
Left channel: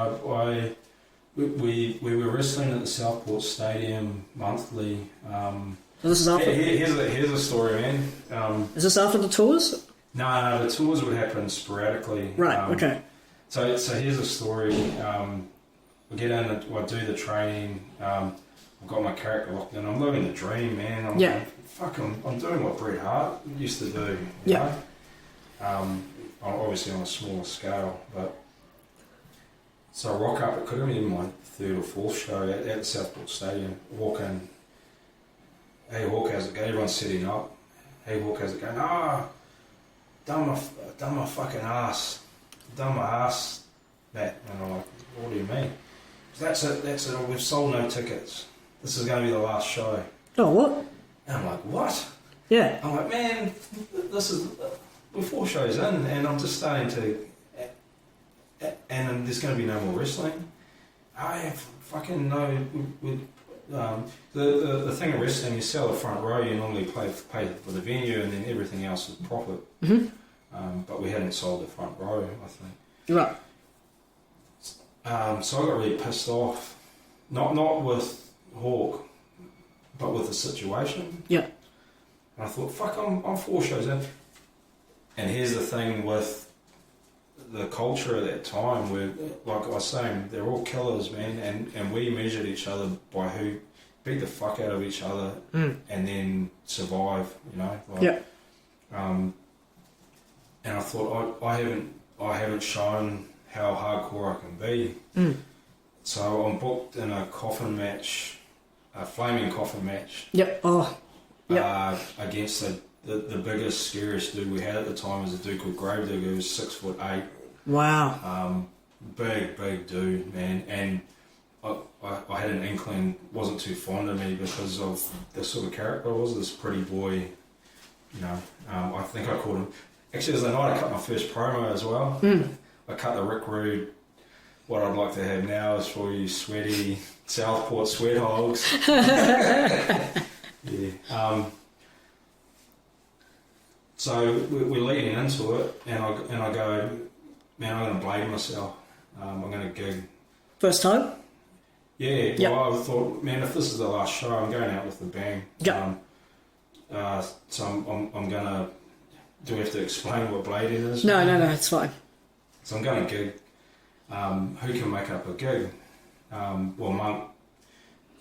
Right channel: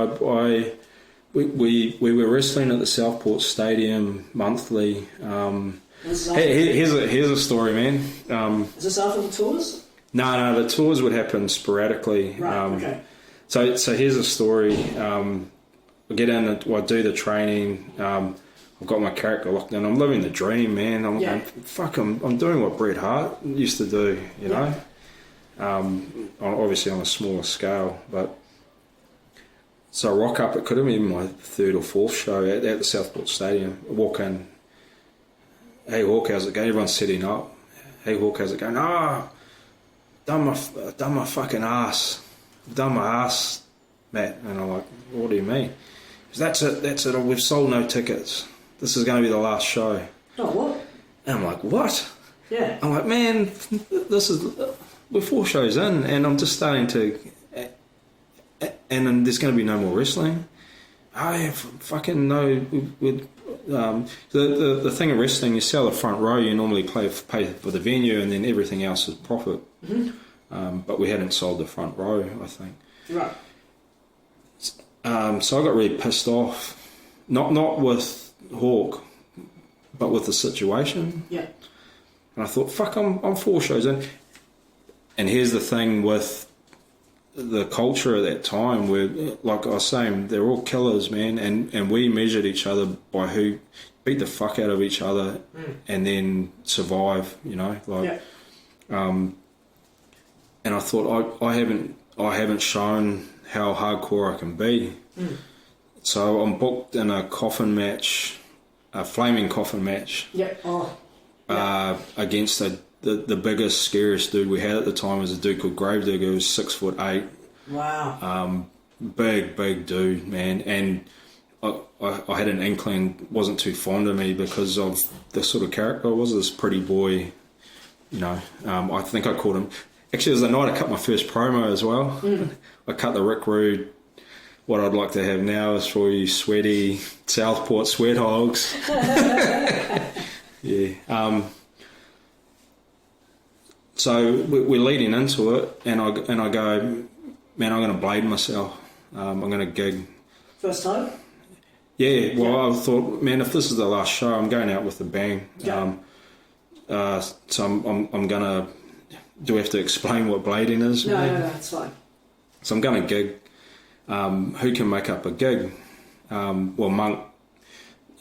we were wrestling at the Southport Stadium monthly. This is after here's a story, man. Is this after the tours? No, the tours would happen sporadically. Right. Okay. So here's a story. I get in, I do the training. I've got my character locked in. I'm living the dream, man. I'm doing what Bret Hart used to do. You know. Obviously on a smaller scale, but. So I rock up, it could have been my third or fourth show at the Southport Stadium. I walk in, hey Hawk, how's it going? Everyone's sitting up. Hey Hawk, how's it going? Done my fucking ass. Done my ass, Matt. And I'm like, what do you mean? That's it, we've sold no tickets. This is going to be the last show. Oh, what? And I'm like, what? Yeah. I'm like, man, we're 4 shows in, and I'm just starting to... And then there's going to be no more wrestling. I fucking know. The thing of wrestling, you sell the front row, you normally pay for the venue, and then everything else is profit. But we hadn't sold the front row, I think. Right. So I got really pissed off, not with Hawk, but with the situation. Yeah. And I thought, fuck, I'm 4 shows in. And here's the thing with the culture at that time, where, like I was saying, they're all killers, man, and we measured each other by who beat the fuck out of each other and then survive, you know, like. Yeah. And I thought I haven't shown how hardcore I can be. So I'm booked in a coffin match, a flaming coffin match. Yep. Oh. Yeah. Against the biggest, scariest dude we had at the time was a dude called Gravedigger, who was 6'8". Wow. Big dude, man. And I had an inkling wasn't too fond of me because of the sort of character I was, this pretty boy, you know. I think I called him. Actually, it was the night I cut my first promo as well. I cut the Rick Rude. What I'd like to have now is for you sweaty Southport sweat hogs. Yeah. So we're leading into it, and I go, man, I'm going to blade myself. I'm going to gig. First time? Yeah. Well, I thought, man, if this is the last show, I'm going out with a bang. Yeah. So I'm going to. Do we have to explain what blading is? No, it's fine. So I'm going to gig. Who can make up a gig? Well,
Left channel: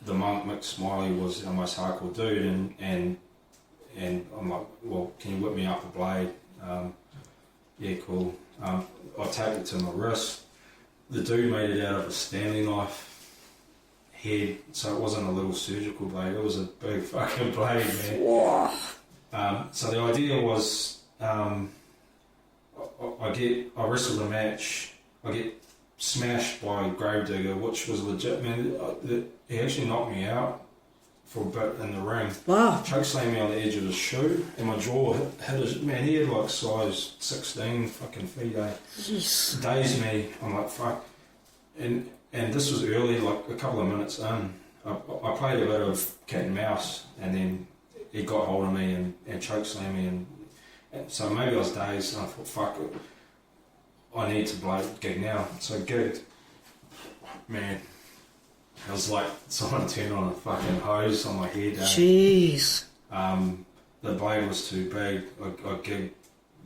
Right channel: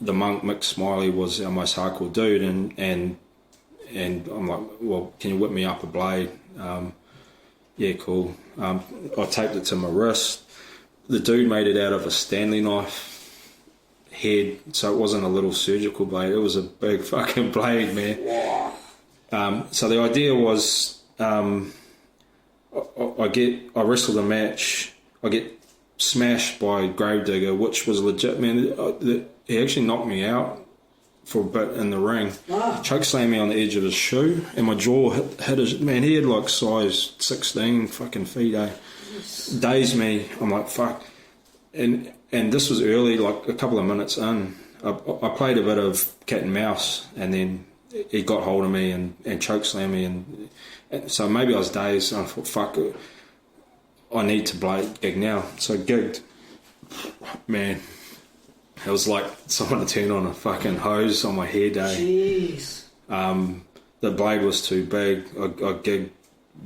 the monk Mick Smiley was our most hardcore dude, and I'm like, well, can you whip me up a blade? Yeah, cool. I taped it to my wrist. The dude made it out of a Stanley knife head, so it wasn't a little surgical blade. It was a big fucking blade, man. So the idea was, I wrestle the match. I get smashed by Gravedigger, which was legit, man. He actually knocked me out for a bit in the ring. Wow. Choke slammed me on the edge of his shoe, and my jaw hit his. Man, he had like size 16 fucking feet, eh? Jeez. Dazed me. I'm like, fuck. And this was early, like a couple of minutes in. I played a bit of cat and mouse, and then he got hold of me and choke slammed me, and so maybe I was dazed, and I thought, fuck it, I need to gig now. So I gigged. Man, it was like someone turned on a fucking hose on my head, eh? Jeez. The blade was too big. I gigged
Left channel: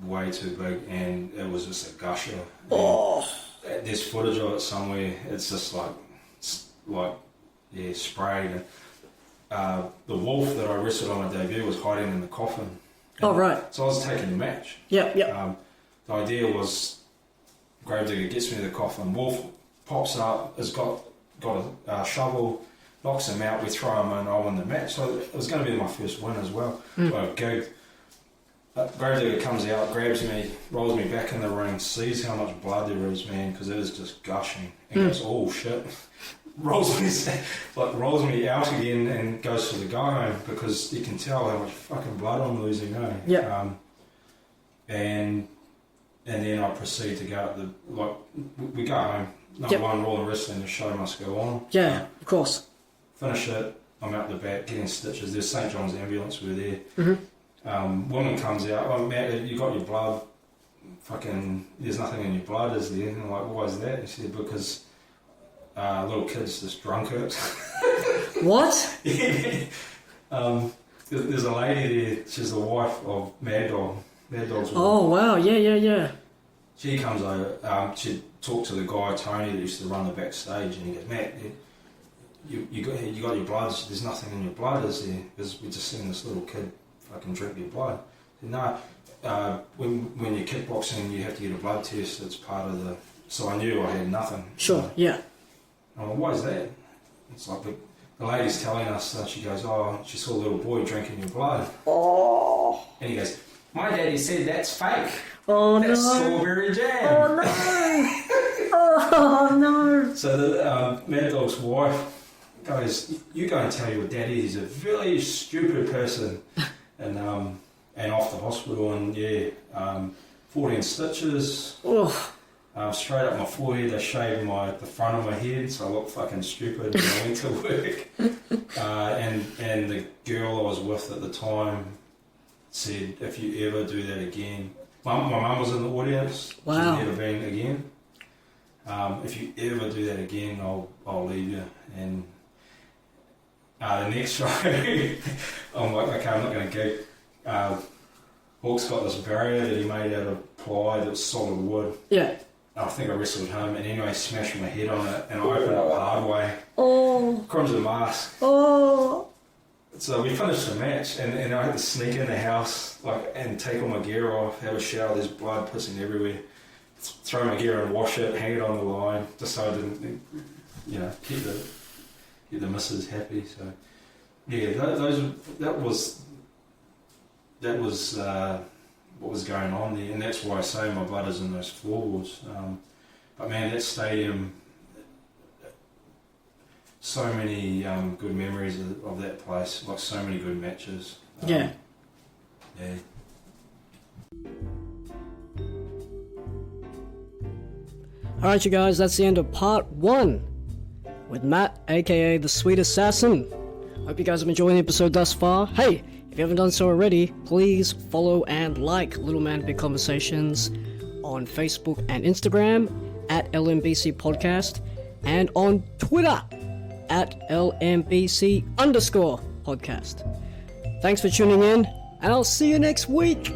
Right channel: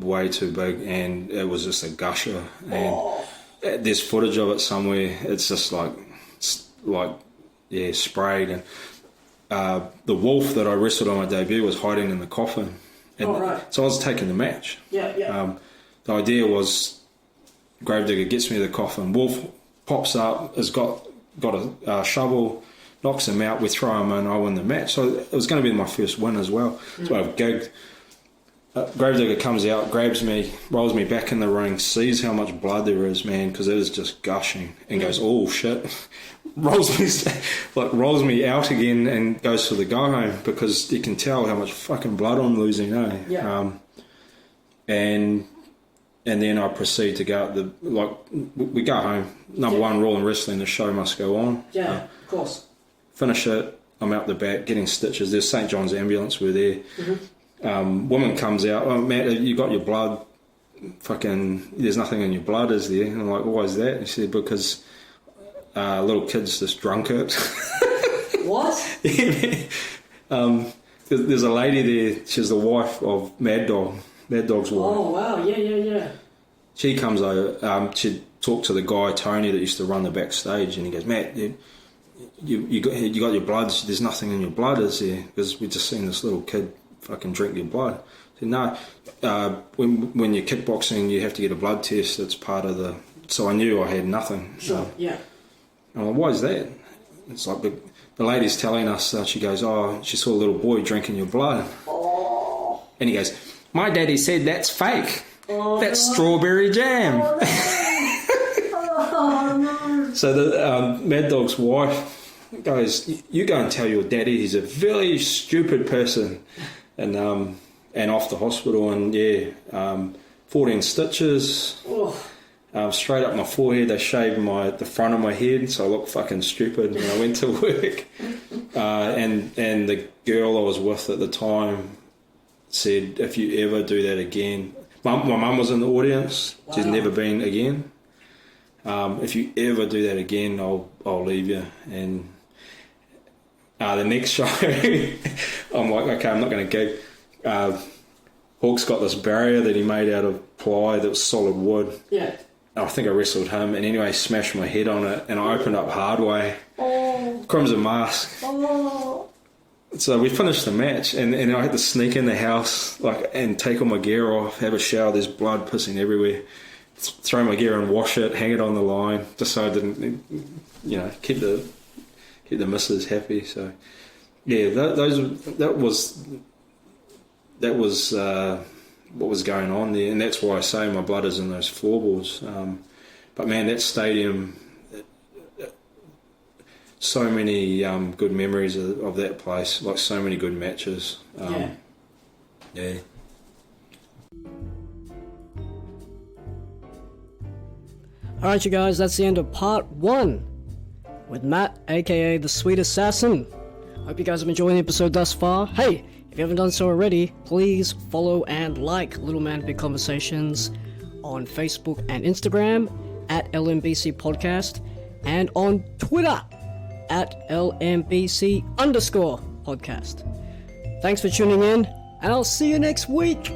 way too big, and it was just a gusher. And there's footage of it somewhere. It's just like sprayed. And the wolf that I wrestled on my debut was hiding in the coffin. And right. So I was taking the match. Yeah. The idea was Gravedigger gets me to the coffin. Wolf pops up, has got a shovel, knocks him out, we throw him in, I win the match. So it was going to be my first win as well. So I've gigged. Gravedigger comes out, grabs me, rolls me back in the ring, sees how much blood there is, man, because it is just gushing, and goes, oh shit. rolls me out again and goes to the go home, because you can tell how much fucking blood I'm losing, eh? Yeah. And then I proceed to go we go home. Number one rule in wrestling, the show must go on. Yeah, of course. Finish it. I'm out the back getting stitches. There's St. John's ambulance. We're there. Woman comes out. Oh, Matt, you got your blood. Fucking, there's nothing in your blood, is there? And I'm like, why is that? And she said, because little kids just drunk it. What? There's a lady there. She's the wife of Mad Dog. Mad Dog's wife. Oh wow! Yeah. She comes over. She talked to the guy Tony that used to run the backstage, and he goes, Matt, you got your blood. There's nothing in your blood, is there? Because we just seen this little kid fucking drink your blood. I said, no. When you're kickboxing, you have to get a blood test. That's part of the. So I knew I had nothing. Sure. Yeah. I'm like, why is that? It's like the lady's telling us that she goes, oh, she saw a little boy drinking your blood. Oh. And he goes, my daddy said that's fake. Oh, that's no. strawberry jam. Oh no. So the Mad Dog's wife goes, you go and tell your daddy he's a very stupid person. And off to hospital, and 14 stitches. Oh. Straight up my forehead. They shaved the front of my head, so I looked fucking stupid when I went to work. And the girl I was with at the time said, if you ever do that again, my mum was in the audience. Wow. She's never been again. If you ever do that again, I'll leave you. And the next show, I'm like, okay, I'm not going to gig. Hawk's got this barrier that he made out of ply that was solid wood. Yeah. I think I wrestled him, and anyway, smashed my head on it, and I opened up hard way. Oh. Crimson mask. Oh. So we finished the match, and I had to sneak in the house, and take all my gear off, have a shower. There's blood pissing everywhere. Throw my gear and wash it, hang it on the line, just so I didn't, keep the missus happy. So yeah, that was what was going on there, and that's why I say my blood is in those floorboards. But man, that stadium, so many good memories of that place, like so many good matches. Yeah. Alright, you guys, that's the end of part 1 with Matt, aka the Sweet Assassin. Hope you guys have enjoyed the episode thus far. Hey, if you haven't done so already, please follow and like Little Man Big Conversations on Facebook and Instagram at LMBC Podcast, and on Twitter at LMBC_podcast. Thanks for tuning in, and I'll see you next week.